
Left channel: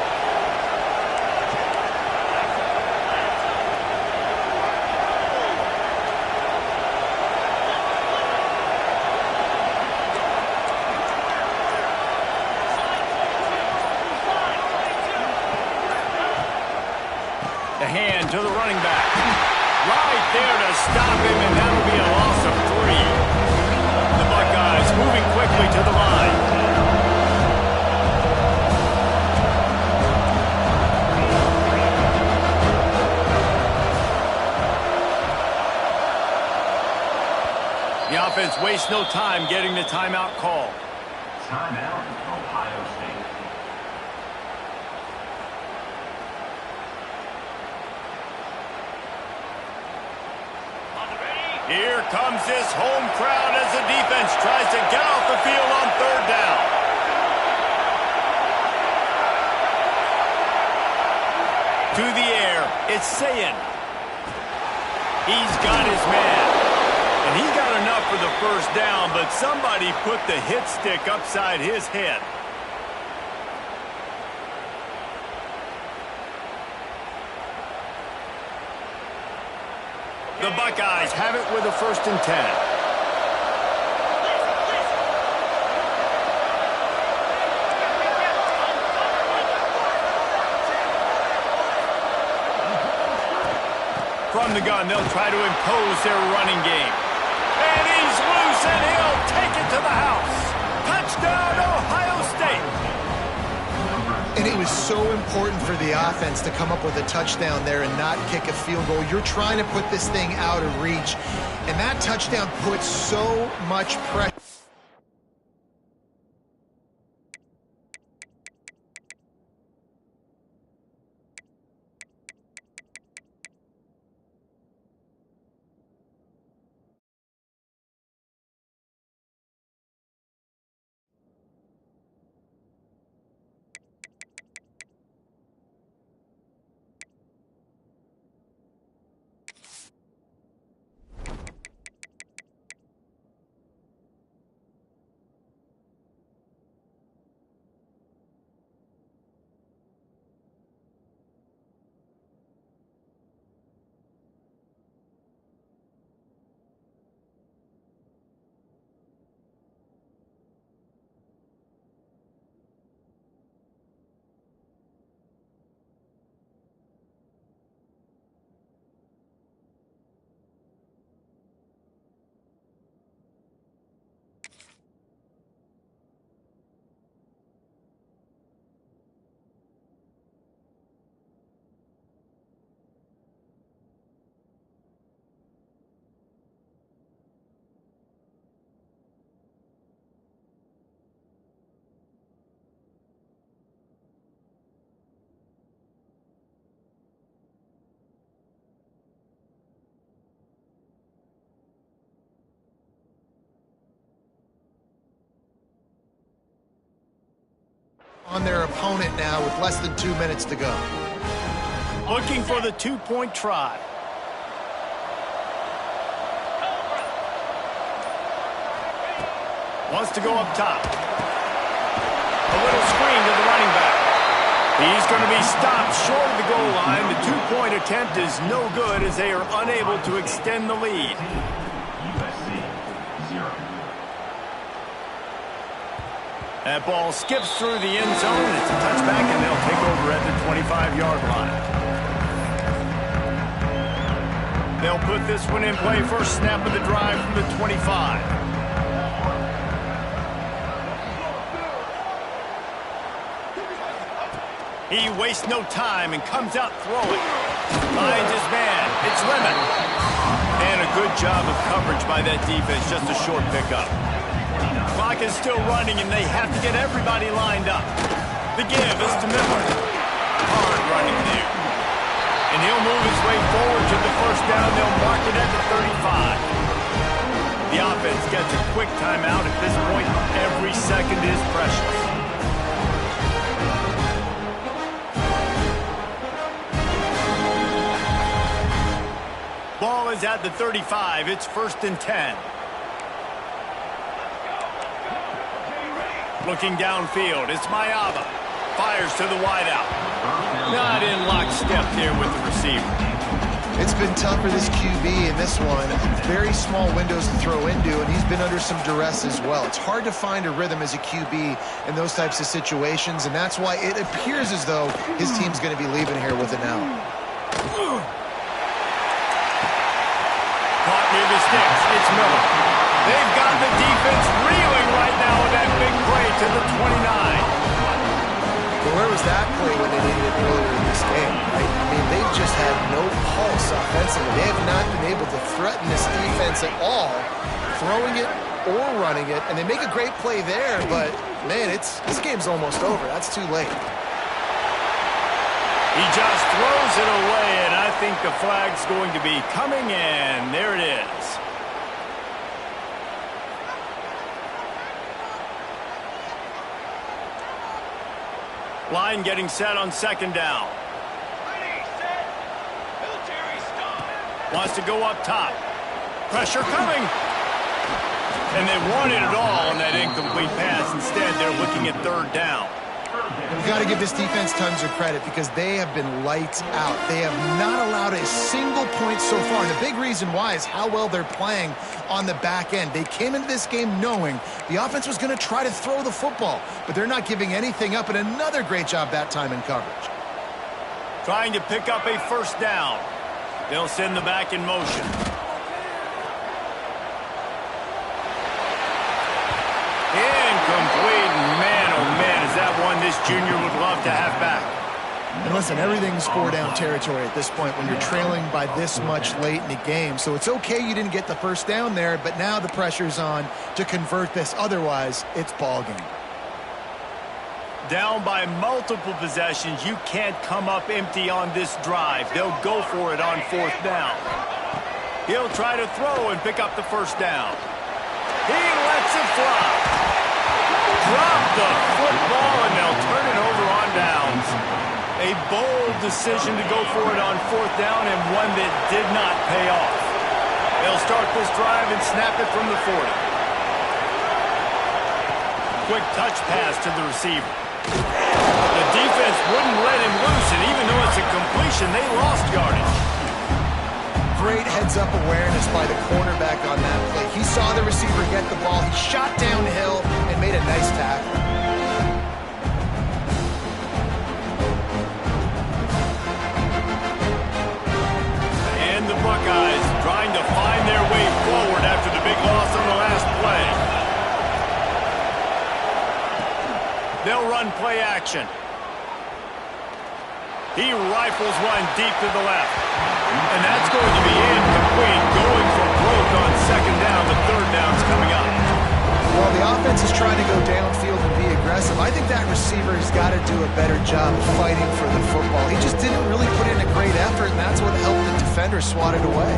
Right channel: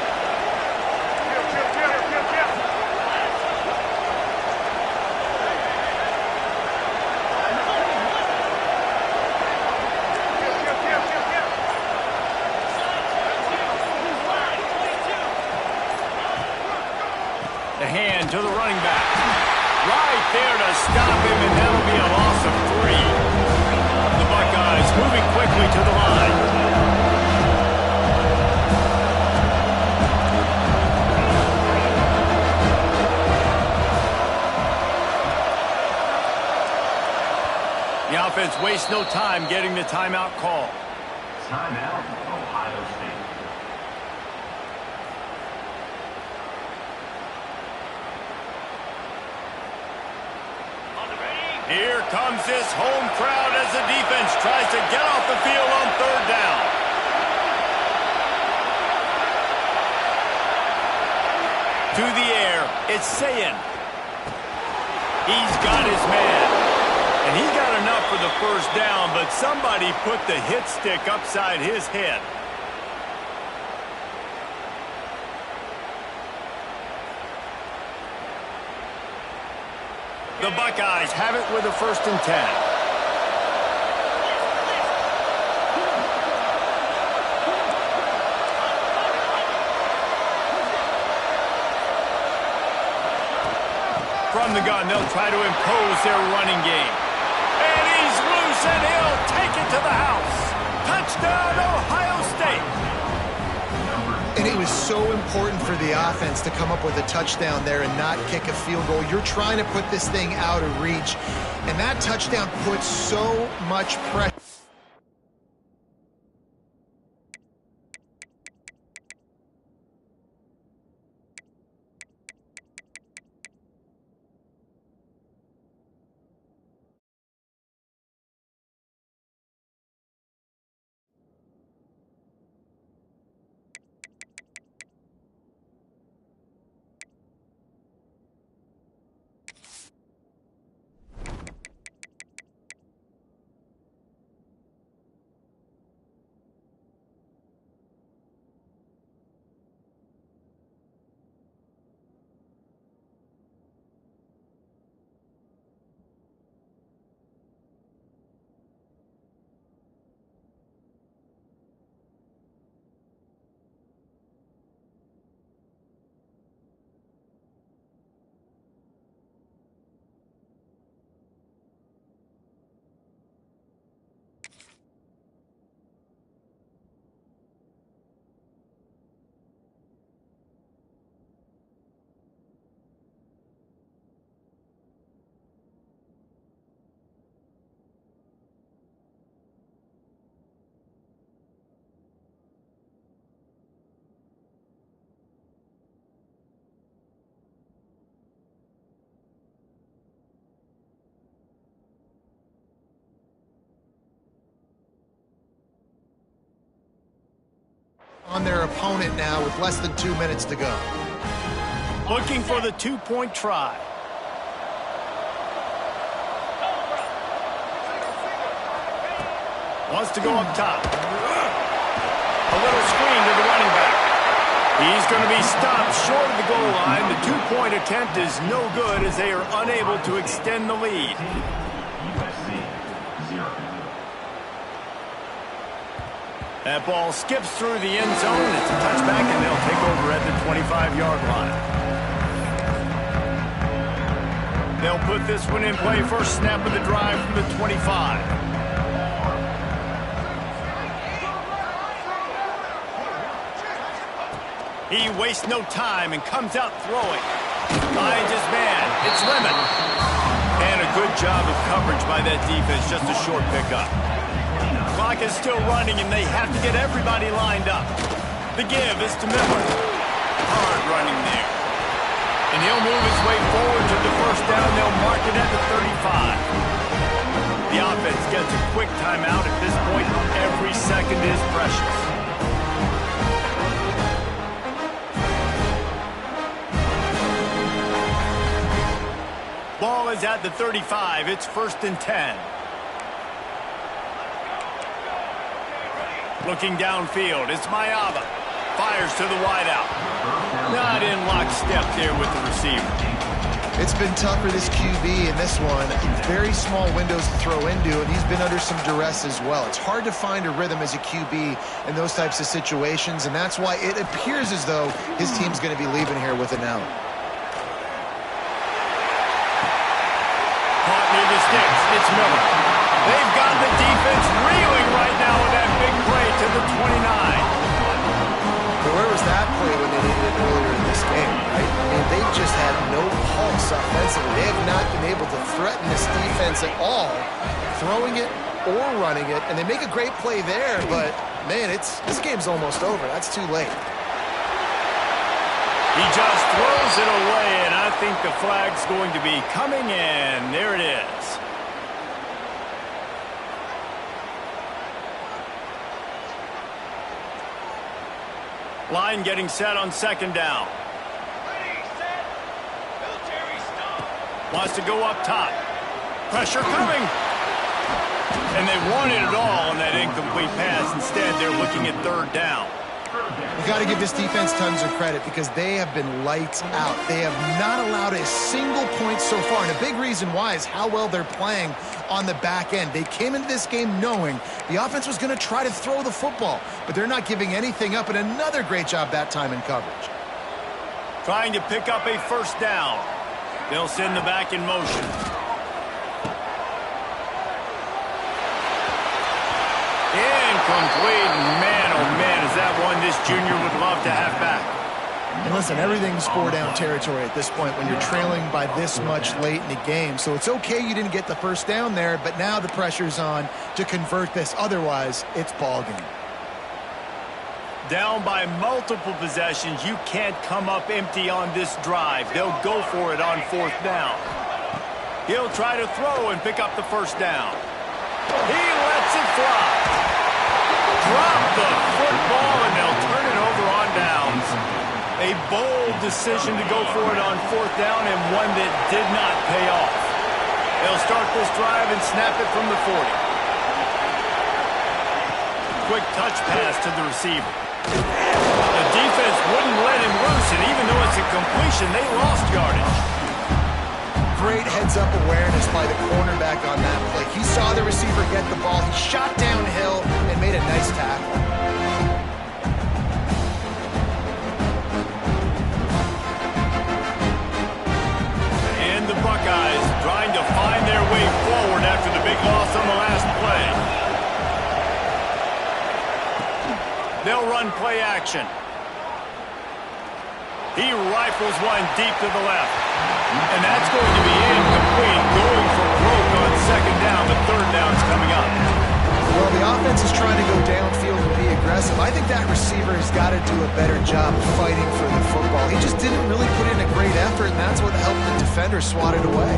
The hand to the running back. Right there to stop him, and that'll be a loss of 3. The Buckeyes moving quickly to the line. The offense wastes no time getting the timeout call. Timeout, Ohio State. Here comes this home crowd as the defense tries to get off the field on third down. To the air, it's Sayin. He's got his man. And he's got enough for the first down, but somebody put the hit stick upside his head. The Buckeyes have it with a 1st and 10. From the gun, they'll try to impose their running game. And he's loose, and he'll take it to the house. Touchdown, Ohio State. And it was so important for the offense to come up with a touchdown there and not kick a field goal. You're trying to put this thing out of reach, and that touchdown puts so much pressure. on their opponent now with less than 2 minutes to go. Looking for the two-point try. Wants to go up top. A little screen to the running back. He's going to be stopped short of the goal line. The two-point attempt is no good as they are unable to extend the lead. USC 0. That ball skips through the end zone. It's a touchback, and they'll take over at the 25-yard line. They'll put this one in play. First snap of the drive from the 25. He wastes no time and comes out throwing. Finds his man. It's Lemon. And a good job of coverage by that defense. Just a short pickup. Clock is still running, and they have to get everybody lined up. The give is to Miller. Hard running there. And he'll move his way forward to the first down. They'll mark it at the 35. The offense gets a quick timeout. At this point, every second is precious. Ball is at the 35. It's 1st and 10. Looking downfield, it's Mayava. Fires to the wideout. Not in lockstep there with the receiver. It's been tough for this QB in this one. Very small windows to throw into, and he's been under some duress as well. It's hard to find a rhythm as a QB in those types of situations, and that's why it appears as though his team's going to be leaving here with an L. Caught near the sticks. It's Miller. They've got the defense reeling right now with that big play to the 29. But where was that play when they needed it earlier in this game, right? I mean, they've just had no pulse offensively. They have not been able to threaten this defense at all, throwing it or running it. And they make a great play there, but, man, this game's almost over. That's too late. He just throws it away, and I think the flag's going to be coming in. There it is. Line getting set on 2nd down. Ready, set, military stop. Wants to go up top. Pressure coming. And they wanted it all on that incomplete pass. Instead, they're looking at 3rd down. You got to give this defense tons of credit because they have been lights out. They have not allowed a single point so far, and a big reason why is how well they're playing on the back end. They came into this game knowing the offense was going to try to throw the football, but they're not giving anything up, and another great job that time in coverage. Trying to pick up a 1st down. They'll send the back in motion. Incomplete. Man, oh man, is that one this junior would love to have back. And listen, everything's 4-down territory at this point when you're trailing by this much late in the game. So it's okay you didn't get the 1st down there, but now the pressure's on to convert this. Otherwise, it's ball game. Down by multiple possessions, you can't come up empty on this drive. They'll go for it on 4th down. He'll try to throw and pick up the 1st down. He lets it fly. Drop the football, and they'll turn it over on downs. A bold decision to go for it on 4th down, and one that did not pay off. They'll start this drive and snap it from the 40. Quick touch pass to the receiver. The defense wouldn't let him loose, and even though it's a completion, they lost yardage. Great heads-up awareness by the cornerback on that play. He saw the receiver get the ball. He shot downhill and made a nice tackle. And the Buckeyes trying to find their way forward after the big loss on the last play. They'll run play action. He rifles one deep to the left. And that's going to be incomplete. Going for broke on 2nd down, but 3rd down's coming up. Well, the offense is trying to go downfield and be aggressive. I think that receiver has got to do a better job fighting for the football. He just didn't really put in a great effort, and that's what helped the defender swat it away.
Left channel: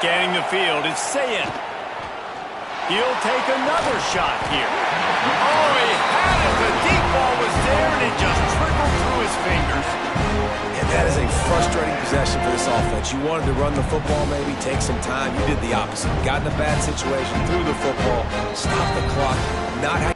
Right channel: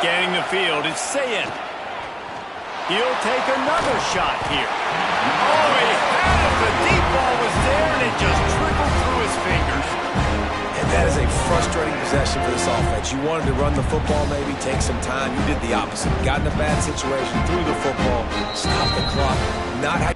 Scanning the field, it's Sayed. He'll take another shot here. Oh, he had it. The deep ball was there, and it just trickled through his fingers. And that is a frustrating possession for this offense. You wanted to run the football, maybe take some time. You did the opposite. Got in a bad situation, threw the football, stopped the clock. Not how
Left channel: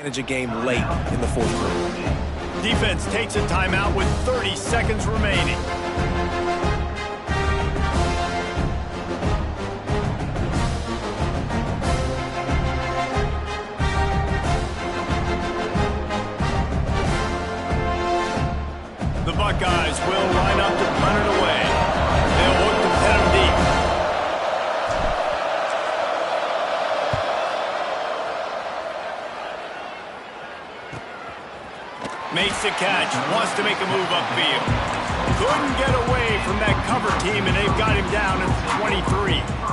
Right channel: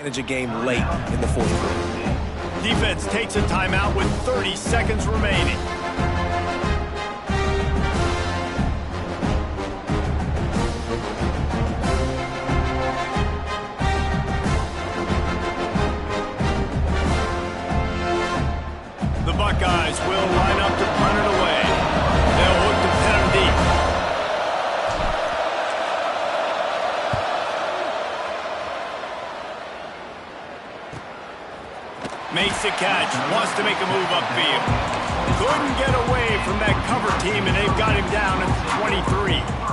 Manage a game late in the fourth quarter. Defense takes a timeout with 30 seconds remaining. The Buckeyes will line up to punt it away. They'll look to pin him deep. Makes the catch, wants to make a move upfield. Couldn't get away from that cover team, and they've got him down at the 23.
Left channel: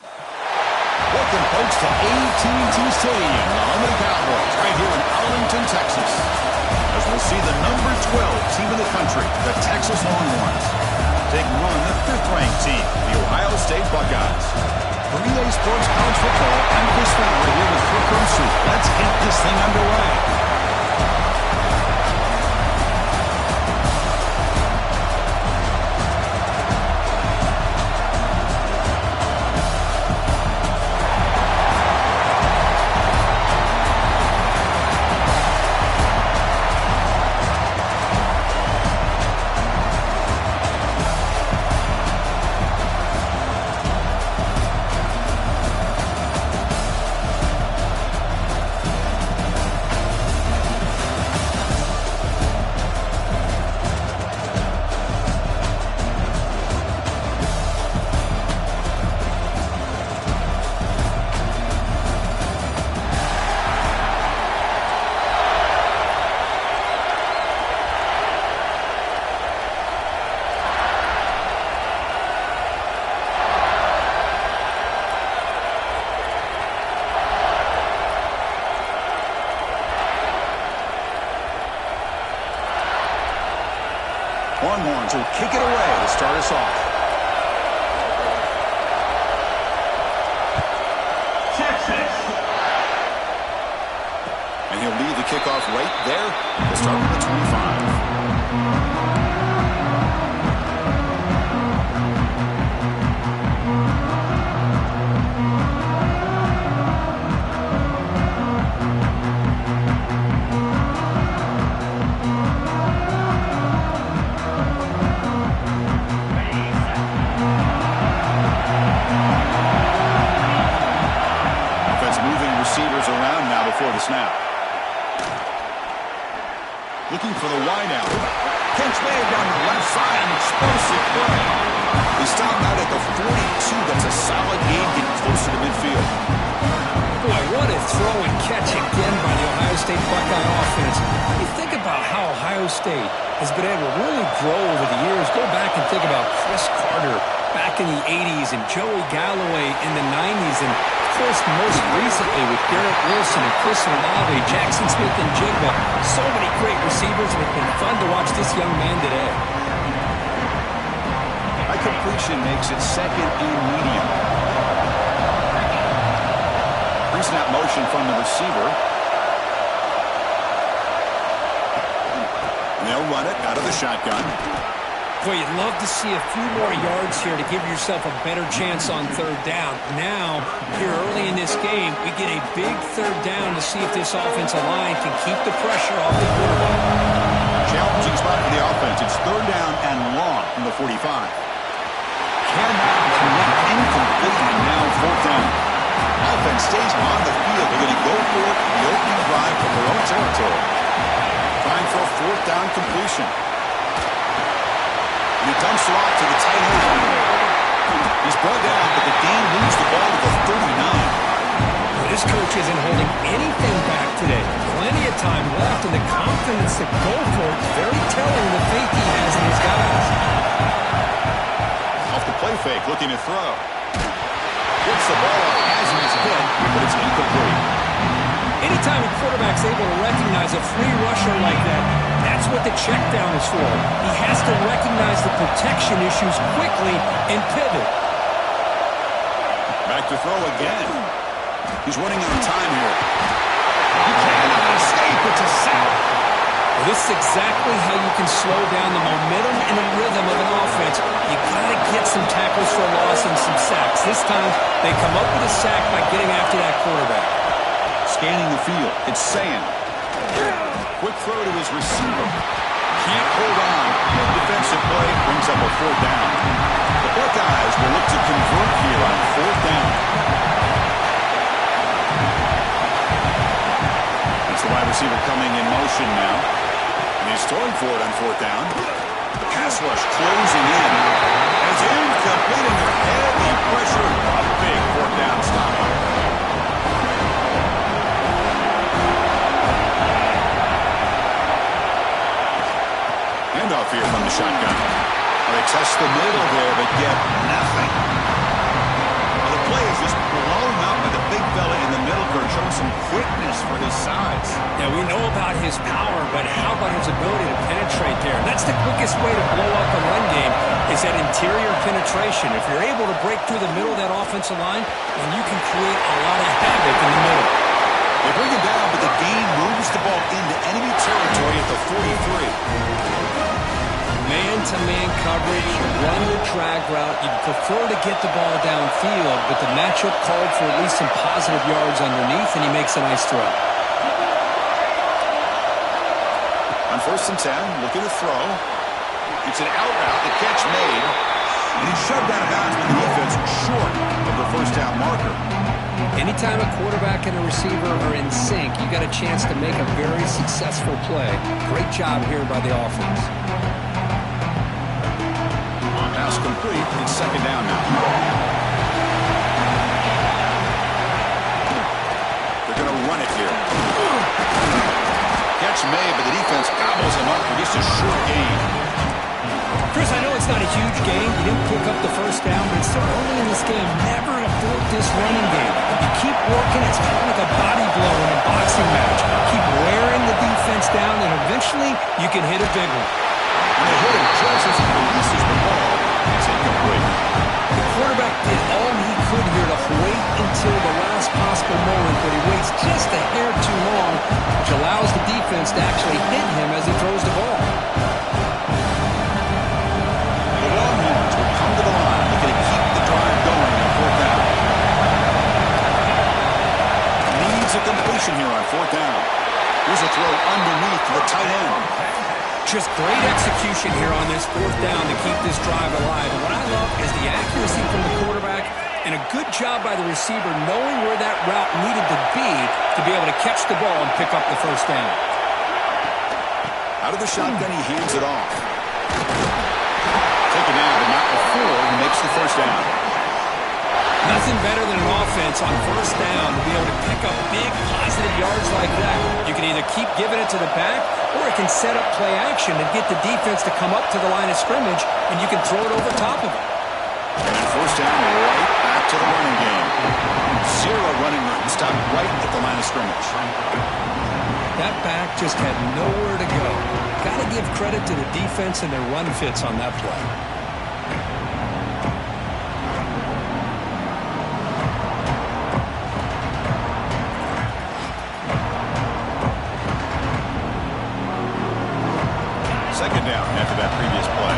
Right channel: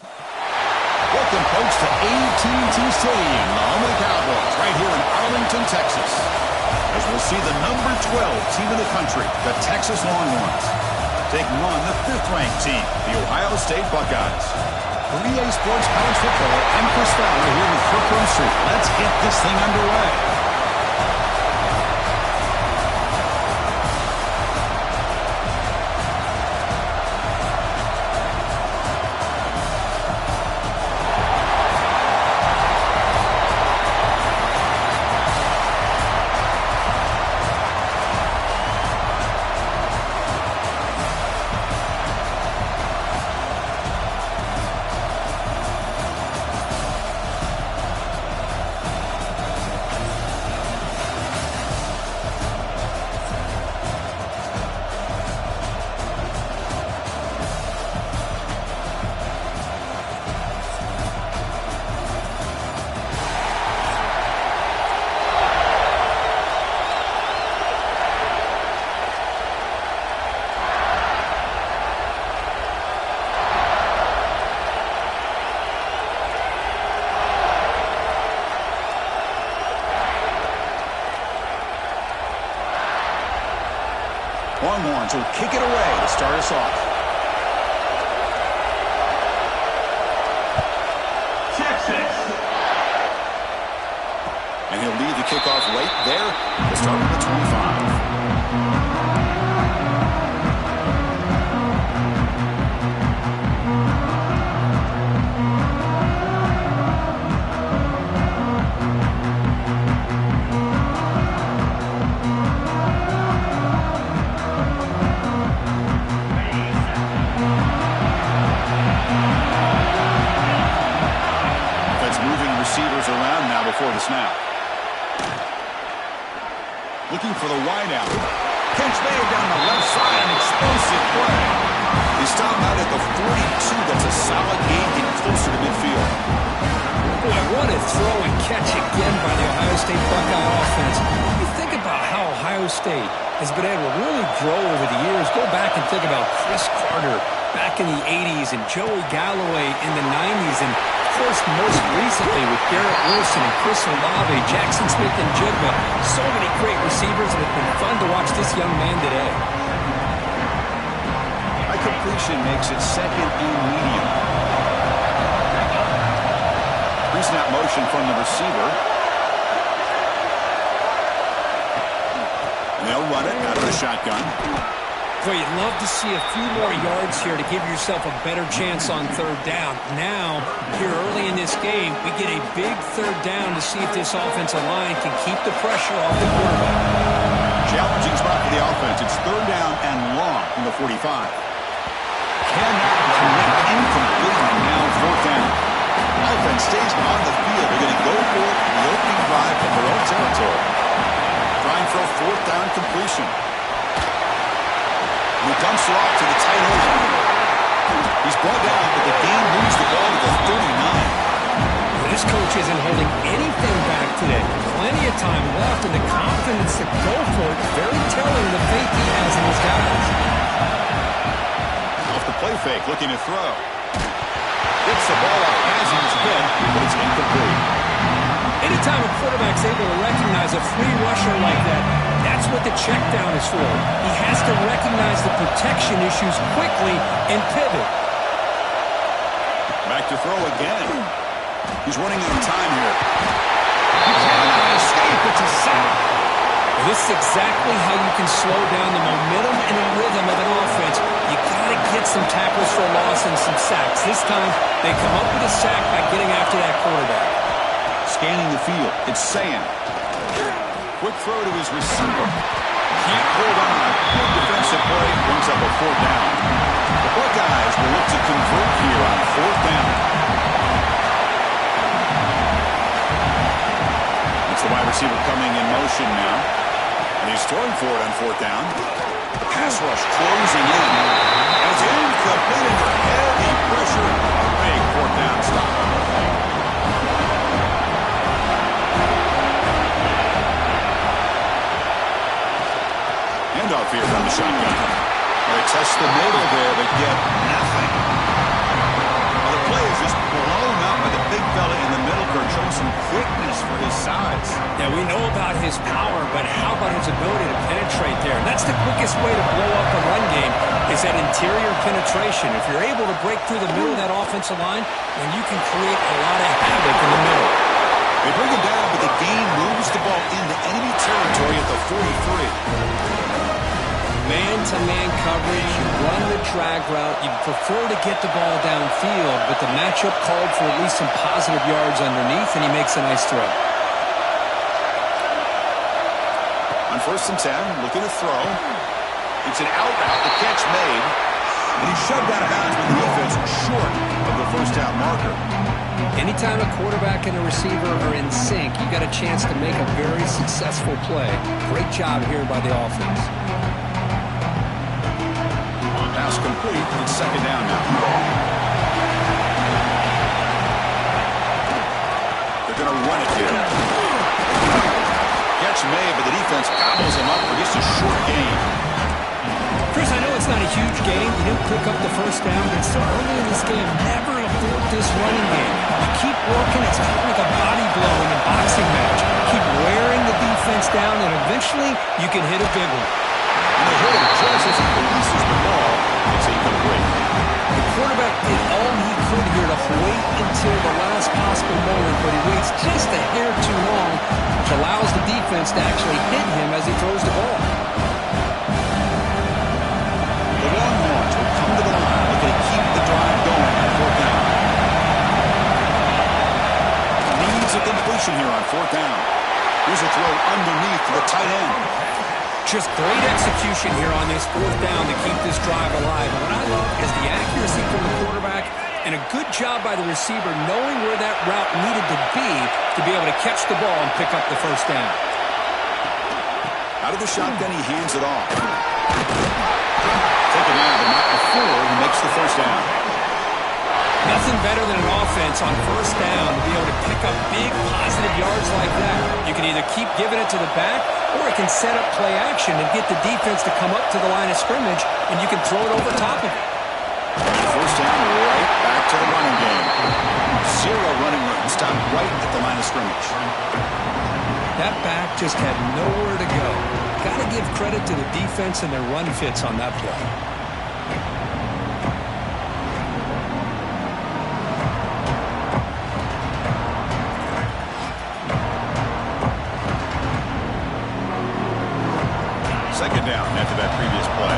Welcome, folks, to AT&T Stadium, the home of the Cowboys, right here in Arlington, Texas. As we'll see the number 12 team in the country, the Texas Longhorns, taking on the 5th-ranked team, the Ohio State Buckeyes. For EA Sports College Football, I'm Chris Fowler here with Kirk Herbstreit. Let's get this thing underway. Longhorns will kick it away to start us off. Texas. And he'll lead the kickoff right there to start with the 25. Receivers around now before the snap. Looking for the wideout. Catch made down the left side, an explosive play. He stopped out at the 42. That's a solid gain, getting closer to midfield. Boy, what a throw and catch again by the Ohio State Buckeye offense. You think about how Ohio State has been able to really grow over the years. Go back and think about Chris Carter back in the 80s and Joey Galloway in the 90s, and of course, most recently with Garrett Wilson and Chris Olave, Jackson Smith and Jigba. So many great receivers, and it's been fun to watch this young man today. A completion makes it second and medium. Pre-snap motion from the receiver. And they'll run it out of the shotgun. Boy, you'd love to see a few more yards here to give yourself a better chance on third down. Now, here early in this game, we get a big third down to see if this offensive line can keep the pressure off the quarterback. Challenging spot for the offense. It's third down and long from the 45. Cannot connect, incomplete, and now fourth down. Offense stays on the field. They're going to go for it in the opening drive from their own territory. Trying for a fourth down completion. And he dumps it off to the tight end. He's brought down, but the game moves the ball to the 39. Well, this coach isn't holding anything back today. Plenty of time left, and the confidence to go for it, very telling the faith he has in his guys. Off the play fake, looking to throw. Gets the ball out as he's hit, but it's incomplete. Anytime a quarterback's able to recognize a free rusher like that, that's what the check down is for. He has to recognize the protection issues quickly and pivot. Back to throw again. He's running out of time here. He cannot escape. It's a sack. Well, this is exactly how you can slow down the momentum and the rhythm of an offense. You got to get some tackles for a loss and some sacks. This time, they come up with a sack by getting after that quarterback. Scanning the field. It's Sam. Quick throw to his receiver. Can't hold on. Good defensive play. Brings up a fourth down. The Buckeyes will look to convert here on fourth down. It's the wide receiver coming in motion now. And he's throwing for it on fourth down. The pass rush closing in. As incomplete under heavy pressure. A big fourth down stop. Handoff here from the shotgun. Well, they test the middle there, but get nothing. Well, the play play is just blown up by the big fella in the middle, Kurt, showing some quickness for his size. Yeah, we know about his power, but how about his ability to penetrate there? And that's the quickest way to blow up a run game is that interior penetration. If you're able to break through the middle of that offensive line, then you can create a lot of havoc in the middle. They bring him down, but the gain moves the ball into enemy territory at the 43. Man-to-man coverage, you run the drag route. You prefer to get the ball downfield, but the matchup called for at least some positive yards underneath, and he makes a nice throw. On 1st and 10, looking to throw. It's an out route, the catch made, and he shoved out of bounds with the defense short of the first down marker. Anytime a quarterback and a receiver are in sync, you got a chance to make a very successful play. Great job here by the offense. Pass complete. It's 2nd down now. They're going to run it here. Catch made, but the defense gobbles him up for just a short gain. Chris, I know it's not a huge gain. You didn't pick up the first down, but it's still early in this game. Never abort this running game. You keep working. It's kind of like a body blow in a boxing match. Keep wearing the defense down, and eventually you can hit a big one. And they hit him just as he releases the ball. It's incomplete. The quarterback did all he could here to wait until the last possible moment, but he waits just a hair too long, which allows the defense to actually hit him as he throws the ball. The Longhorns will come to the line, looking to keep the drive going on 4th down. Needs a completion here on 4th down. Here's a throw underneath to the tight end. Just great execution here on this 4th down to keep this drive alive. And what I love is the accuracy from the quarterback and a good job by the receiver knowing where that route needed to be able to catch the ball and pick up the first down. Out of the shotgun, he hands it off. Taken down, but not before he makes the first down. Nothing better than an offense on 1st down to be able to pick up big positive yards like that. You can either keep giving it to the back, or it can set up play action and get the defense to come up to the line of scrimmage, and you can throw it over top of it. First down, right back to the running game. 0 running room, stopped right at the line of scrimmage. That back just had nowhere to go. Got to give credit to the defense and their run fits on that play. Second down after that previous play.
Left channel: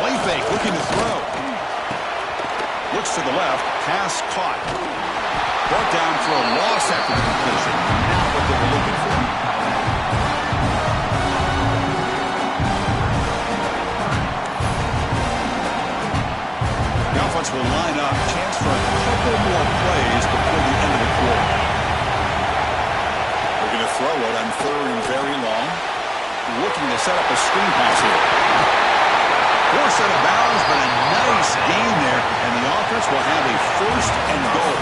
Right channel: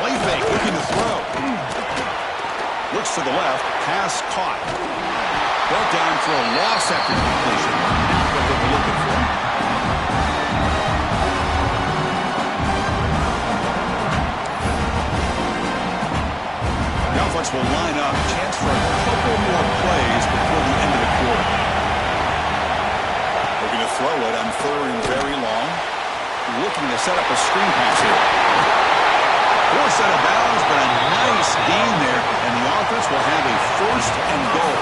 Play fake, looking to throw. Looks to the left, pass caught. Brought down for a loss after the completion. Not what they were looking for. The offense will line up. Chance for a couple more plays before the end of the quarter. We're going to throw it on 3rd and very long. Looking to set up a screen pass here. Forced out of bounds, but a nice gain there, and the offense will have a 1st and goal.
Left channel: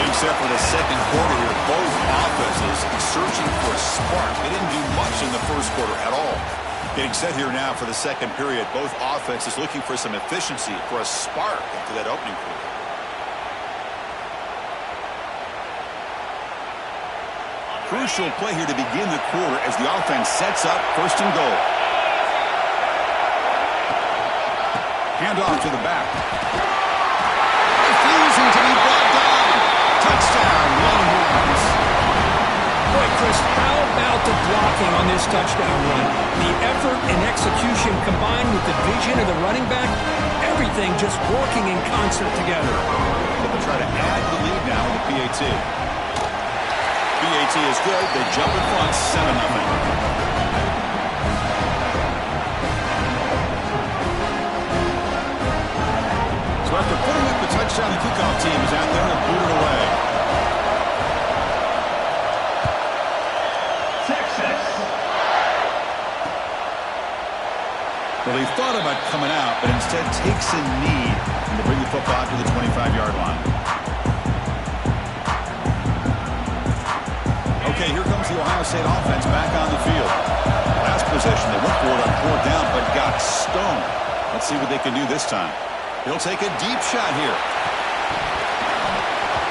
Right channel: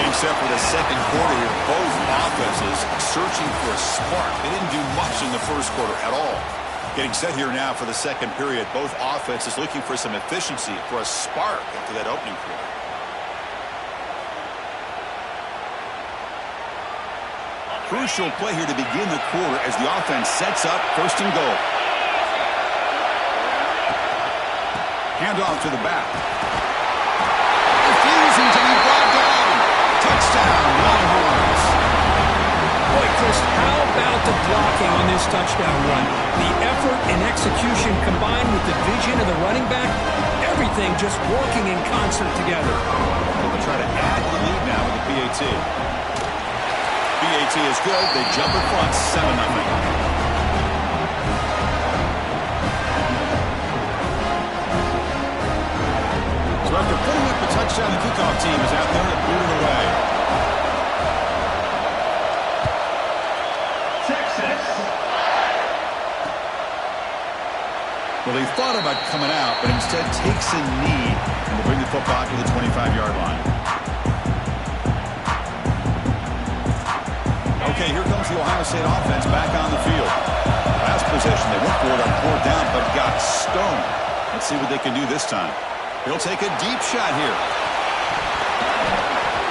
Getting set for the second quarter here, both offenses searching for a spark. They didn't do much in the first quarter at all. Getting set here now for the second period, both offenses looking for some efficiency, for a spark into that opening quarter. Crucial play here to begin the quarter as the offense sets up 1st and goal. Handoff to the back. Refusing to be brought down. Touchdown, Longhorns. Boy, Chris, how about the blocking on this touchdown run? The effort and execution combined with the vision of the running back, everything just working in concert together. Well, they try to add to the lead now with the PAT. PAT is good. They jump in front, 7-0. So after putting up the touchdown, the kickoff team is out there to boot it away. Texas. Well, he thought about coming out, but instead takes a knee and will bring the football to the 25-yard line. Okay, here comes the Ohio State offense back on the field. Last possession, they went for it on 4th down, but got stoned. Let's see what they can do this time. He'll take a deep shot here.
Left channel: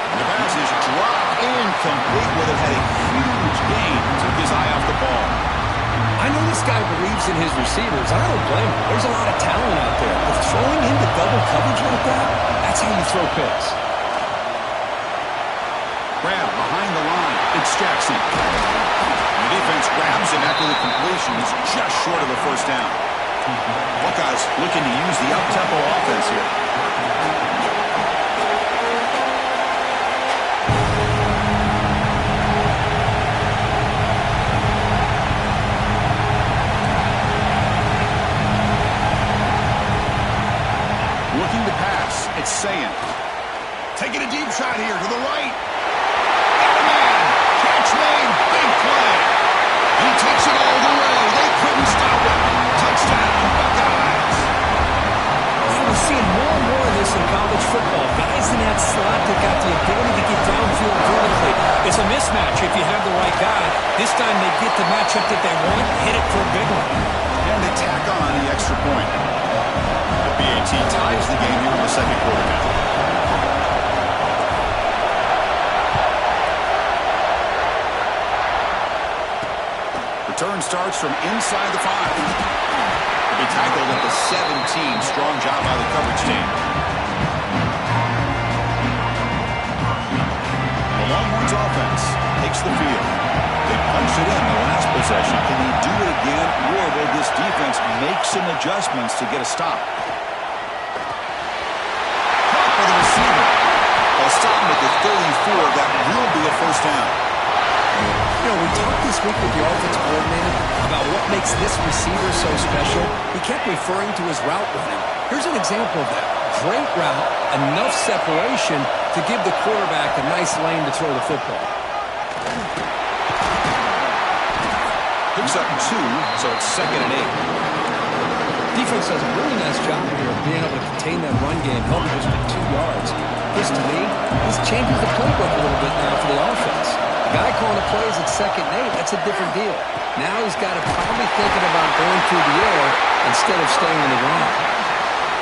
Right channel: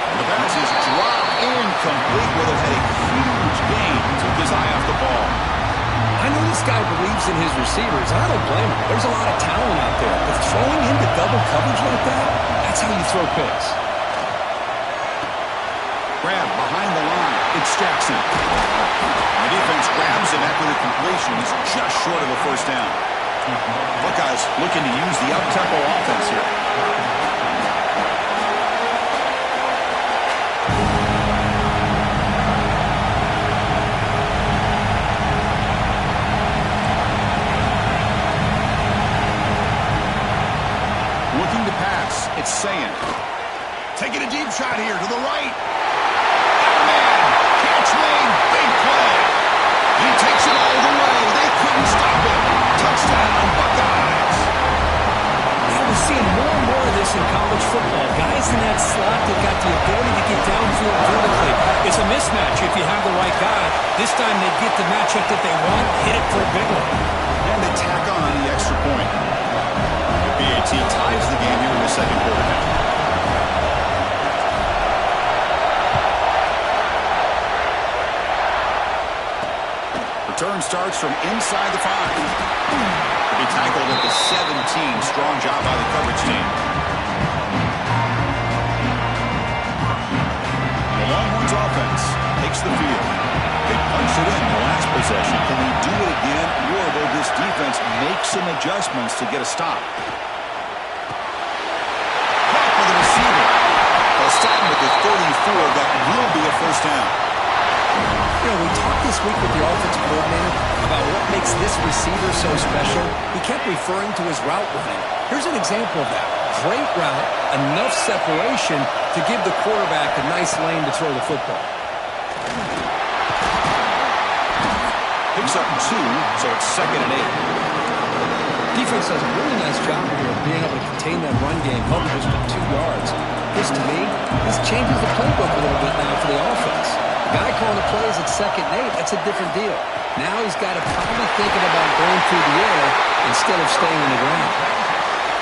And the pass is dropped incomplete. Would have had a huge gain. Took his eye off the ball. I know this guy believes in his receivers. I don't blame him. There's a lot of talent out there. But throwing into double coverage like that, that's how you throw picks. Grab behind the line. It's Jackson. The defense grabs him after the completion. He's just short of a first down. Buckeyes looking to use the up-tempo offense here. Looking to pass. It's Sayin. Taking a deep shot here to the right. Got a man. Catch made. Big play. And he takes it all the way. They couldn't stop him. Touchdown, Buckeyes. Yeah, we're seeing more and more of this in college football. Guys in that slot that got the ability to get downfield vertically. It's a mismatch if you have the right guy. This time they get the matchup that they want, hit it for a big one. And they tack on the extra point. The PAT ties the game here in the second quarter now. Return starts from inside the 5. He'll be tackled at the 17. Strong job by the coverage team. The Longhorns offense takes the field. They punched it in the last possession. Can they do it again, or will this defense make some adjustments to get a stop? Caught for the receiver. They'll stop him at the 34. That will be a first down. You know, we talked this week with the offensive coordinator about what makes this receiver so special. He kept referring to his route running. Here's an example of that. Great route, enough separation to give the quarterback a nice lane to throw the football. Picks up 2, so it's 2nd and 8. Defense does a really nice job here of being able to contain that run game, held it just to 2 yards. This, to me, this changes the playbook a little bit now for the offense. The guy calling the plays at 2nd and 8, that's a different deal. Now he's got to probably thinking about going through the air instead of staying on the ground.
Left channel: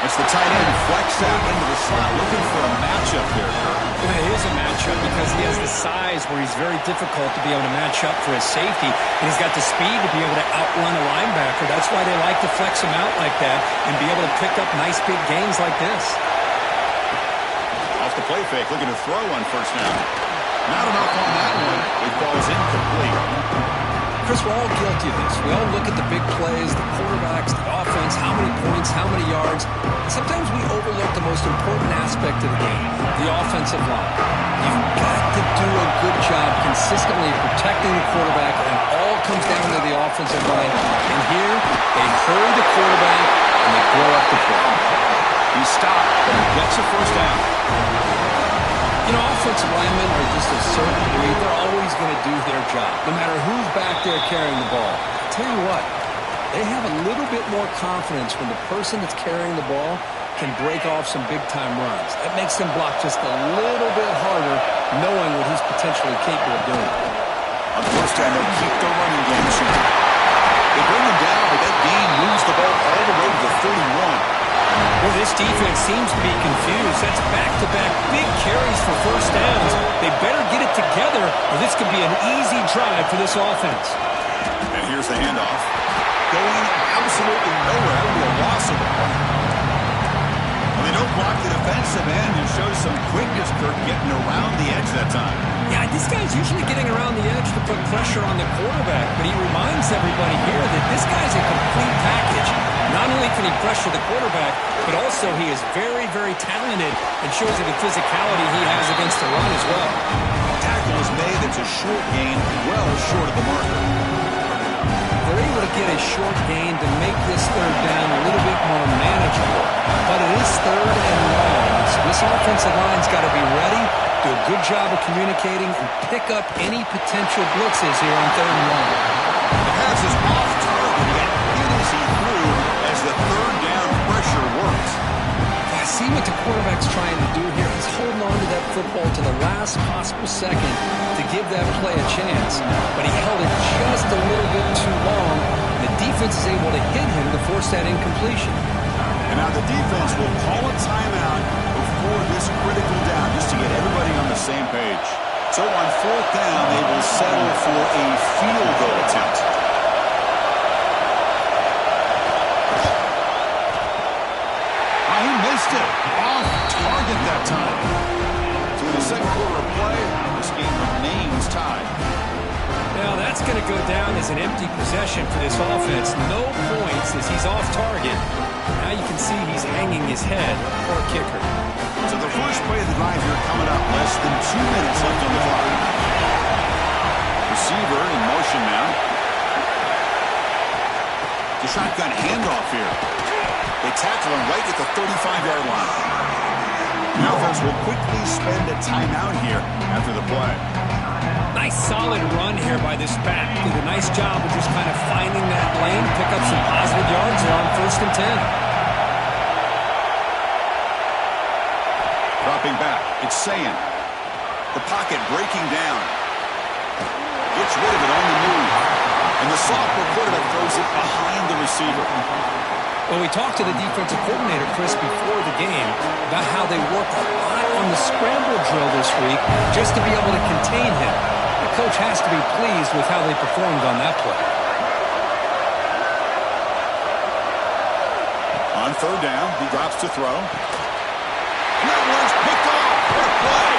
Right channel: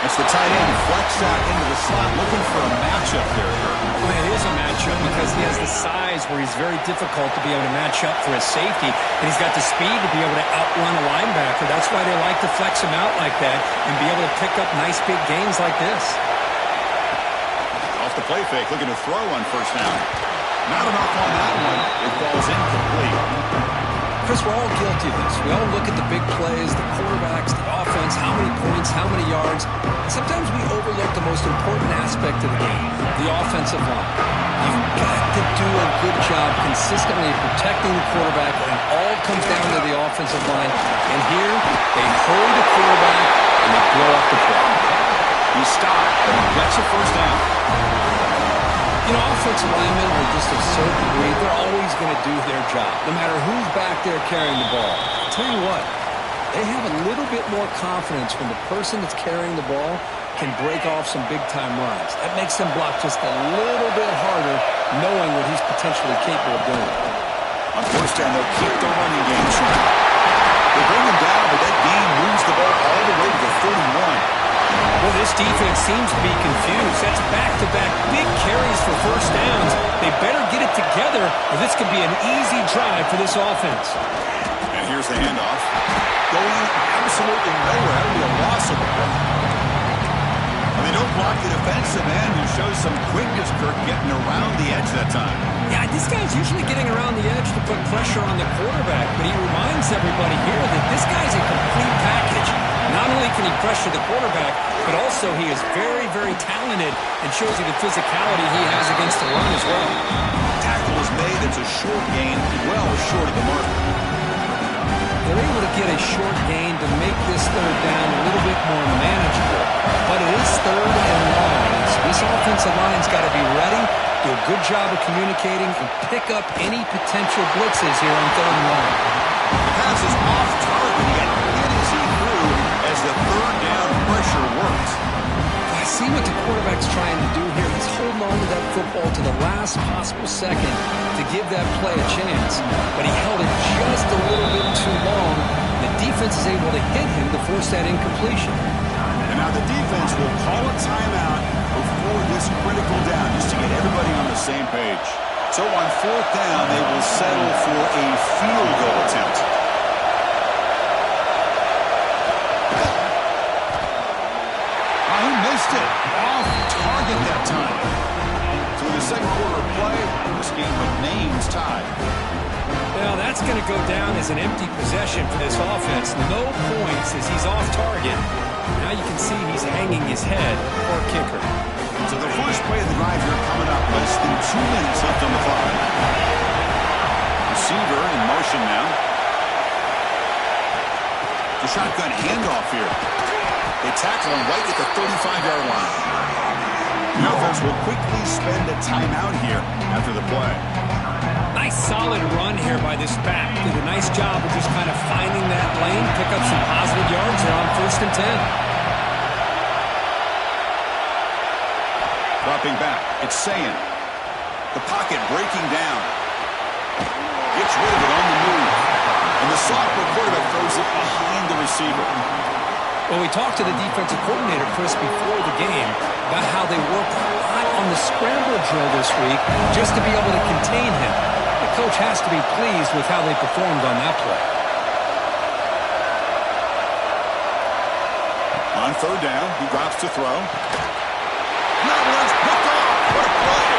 It's the tight end flexed out into the slot, looking for a matchup there, Kirk. Well, it is a matchup because he has the size where he's very difficult to be able to match up for his safety, and he's got the speed to be able to outrun a linebacker. That's why they like to flex him out like that and be able to pick up nice big gains like this. Off the play fake, looking to throw on first down. Not enough on that one. It falls incomplete. Chris, we're all guilty of this. We all look at the big plays, the quarterbacks, the offense, how many points, how many yards. And sometimes we overlook the most important aspect of the game, the offensive line. You've got to do a good job consistently protecting the quarterback, and it all comes down to the offensive line. And here, they hurry the quarterback, and they blow up the play. He stopped, but he gets a first down. You know, offensive linemen are just a certain breed. They're always going to do their job, no matter who's back there carrying the ball. I'll tell you what, they have a little bit more confidence when the person that's carrying the ball can break off some big-time runs. That makes them block just a little bit harder, knowing what he's potentially capable of doing. On first down, they'll keep the running game short. They bring him down, but that gain moves the ball all the way to the 31. Well, this defense seems to be confused. That's back-to-back big carries for first downs. They better get it together, or this could be an easy drive for this offense. And here's the handoff. Going absolutely nowhere. That would be a loss of the ball. Well, they don't block the defensive end and show some quickness, Kirk, getting around the edge that time. Yeah, this guy's usually getting around the edge to put pressure on the quarterback, but he reminds everybody here that this guy's a complete package. Not only can he pressure the quarterback, but also he is very, very talented and shows you the physicality he has against the run as well. Tackle is made. It's a short gain, well short of the marker. They're able to get a short gain to make this third down a little bit more manageable. But it is third and long. So this offensive line's got to be ready, do a good job of communicating, and pick up any potential blitzes here on third and long. The pass is off target, yet hit as he threw as the third down pressure works. I see what the quarterback's trying to do here. He's holding on to that football to the last possible second to give that play a chance. But he held it just a little bit too long. The defense is able to hit him to force that incompletion. And now the defense will call a timeout before this critical down, just to get everybody on the same page. So on 4th down, they will settle for a field goal attempt. He missed it. Off target that time. So in the second quarter of play, this game remains tied. Now that's going to go down as an empty possession for this offense. No points as he's off target. Now you can see he's hanging his head. Poor kicker. So the first play of the drive here coming up. Less than 2 minutes left on the clock. Receiver in motion now. The shotgun handoff here. They tackle him right at the 35-yard line. The offense will quickly spend a timeout here after the play. Nice solid run here by this back. Did a nice job of just kind of finding that lane, pick up some positive yards there on 1st and 10. Dropping back, it's Sayin. The pocket breaking down. Gets rid of it on the move. And the sophomore quarterback throws it behind the receiver. Well, we talked to the defensive coordinator, Chris, before the game about how they work a lot on the scramble drill this week just to be able to contain him. The coach has to be pleased with how they performed on that play. On 3rd down, he drops to throw. And that one's picked off. What a play.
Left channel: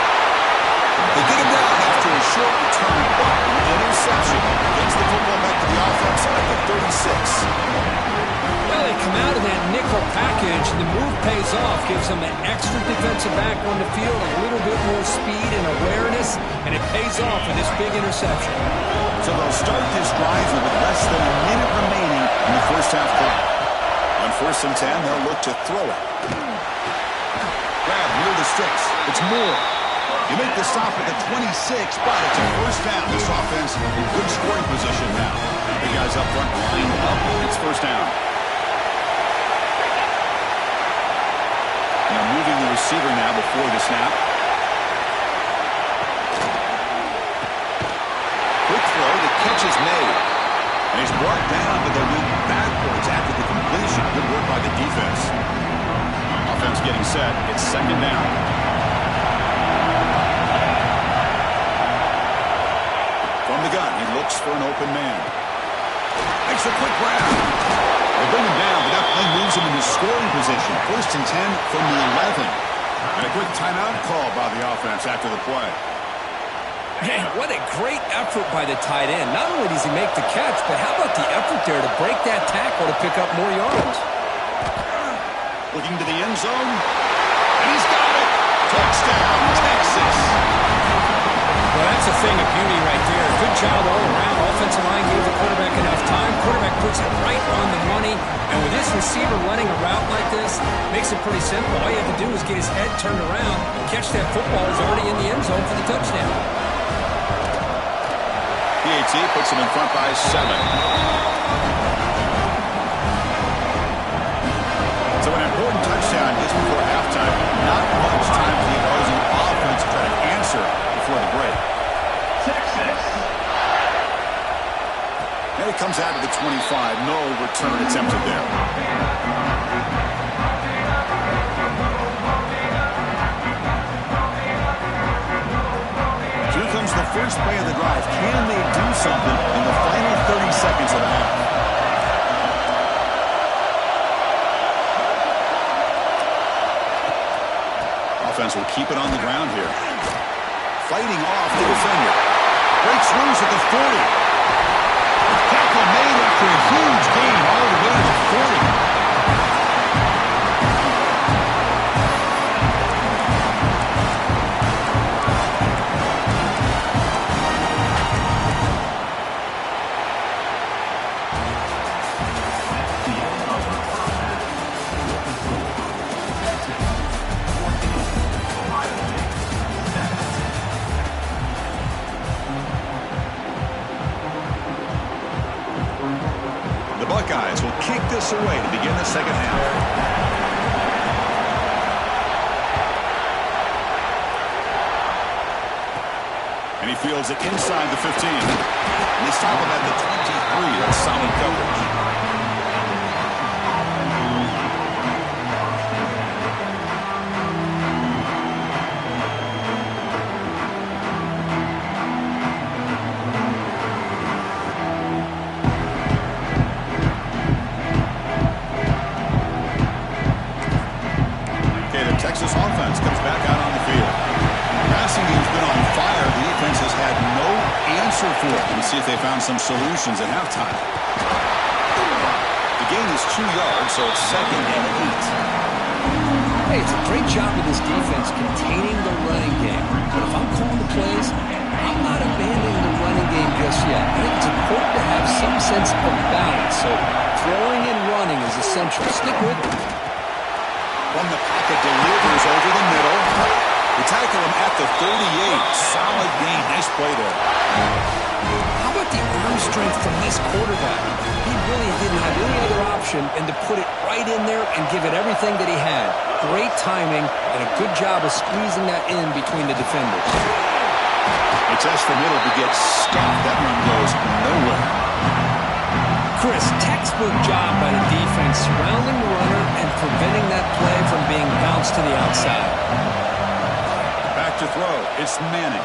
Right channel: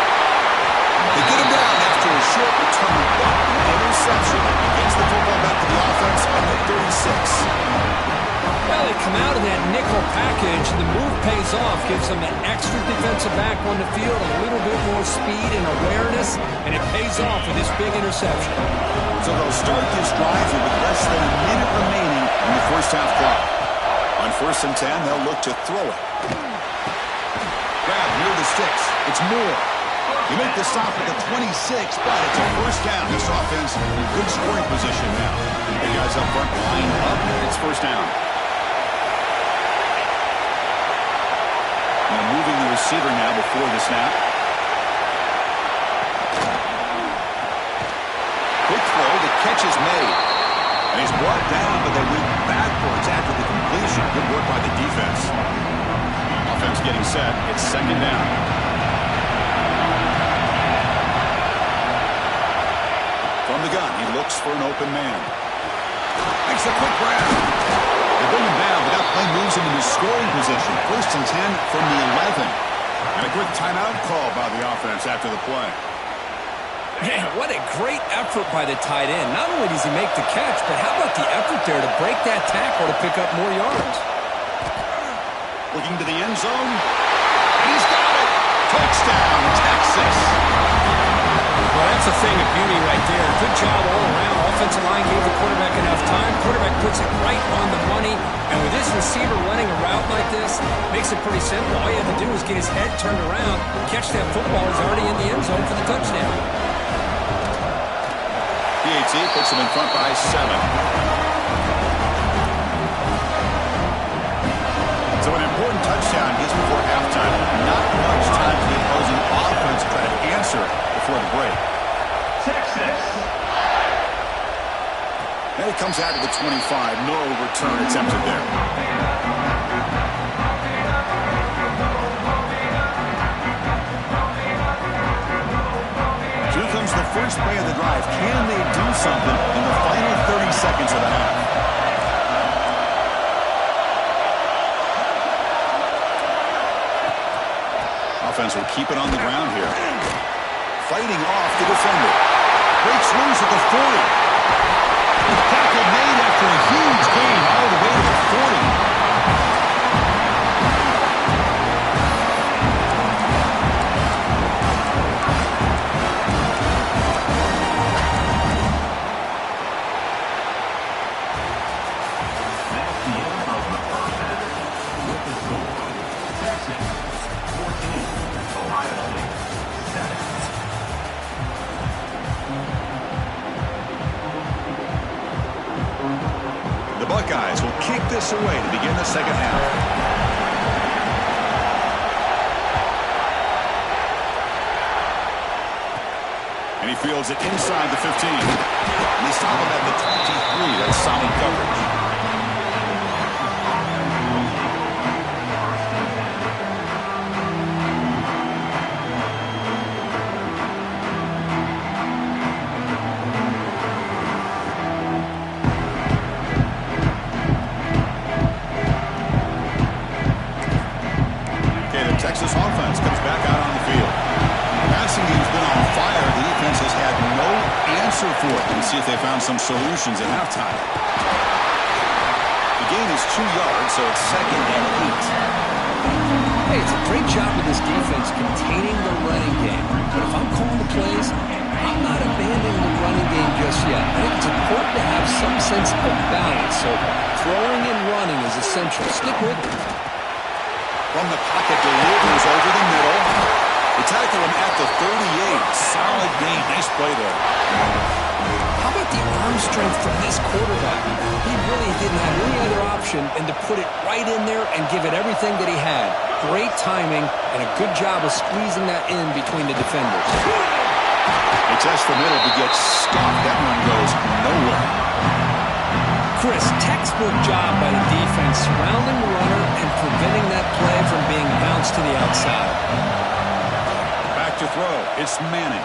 They get him down after a short return, but an interception gets the football back to the offense at the 36. Well, they come out of that nickel package, and the move pays off, gives them an extra defensive back on the field, a little bit more speed and awareness, and it pays off with this big interception. So they'll start this drive with less than a minute remaining in the first half clock. On 1st and 10, they'll look to throw it. Grab near the sticks. It's Moore. You make the stop at the 26, but it's a 1st down. This offense in good scoring position now. The guys up front lined up. It's 1st down. Now moving the receiver now before the snap. Quick throw, the catch is made. And he's brought down, but they went backwards after the completion. Good work by the defense. Offense getting set. It's 2nd down. From the gun, he looks for an open man. Makes a quick grab. They bring him down, but that play moves him into scoring position. 1st and 10 from the 11. And a quick timeout call by the offense after the play. Man, what a great effort by the tight end. Not only does he make the catch, but how about the effort there to break that tackle to pick up more yards? Looking to the end zone. And he's got it. Touchdown, Texas. Well, that's a thing of beauty right there. Good job all around. Offensive line gave the quarterback enough time. Quarterback puts it right on the money. And with this receiver running a route like this, makes it pretty simple. All you have to do is get his head turned around, catch that football. He's already in the end zone for the touchdown. PAT puts him in front by 7. So an important touchdown just before halftime. Not much time for the opposing offense to try to answer before the break. Texas. And it comes out to the 25. No return attempted there. Here comes the first play of the drive. Can they do something in the final 30 seconds of the half? Offense will keep it on the ground here. Fighting off the defender. Breaks loose at the 40. Tackle made after a huge gain all the way to the 40. That's the end of the first half. With the score, Texas 14, Ohio State 7. The Buckeyes will kick this away to begin the second half. And he fields it inside the 15. And they stop him at the 23. That's solid coverage. closer for it. We'll see if they found some solutions at halftime. The gain is 2 yards, so it's 2nd and 8. Hey, it's a great job with this defense containing the running game. But if I'm calling the plays, I'm not abandoning the running game just yet. I think it's important to have some sense of balance. So throwing and running is essential. Stick with it. From the pocket, delivers over the middle. They tackle him at the 38. Solid gain. Nice play there. How about the arm strength from this quarterback? He really didn't have any other option than to put it right in there and give it everything that he had. Great timing and a good job of squeezing that in between the defenders. A test from middle to get stopped. That run goes nowhere. Chris, textbook job by the defense surrounding the runner and preventing that play from being bounced to the outside. Back to throw. It's Manning.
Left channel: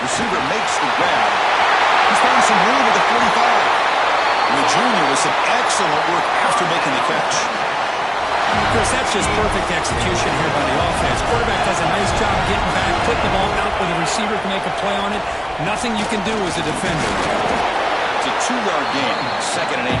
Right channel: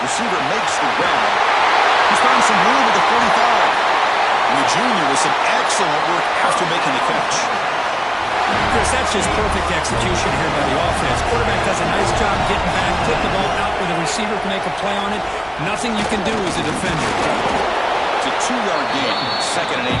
Receiver makes the grab. He's found some room at the 45. And the junior with some excellent work after making the catch. Chris, that's just perfect execution here by the offense. Quarterback does a nice job getting back, putting the ball out where the receiver can make a play on it. Nothing you can do as a defender. It's a 2-yard gain. 2nd and 8.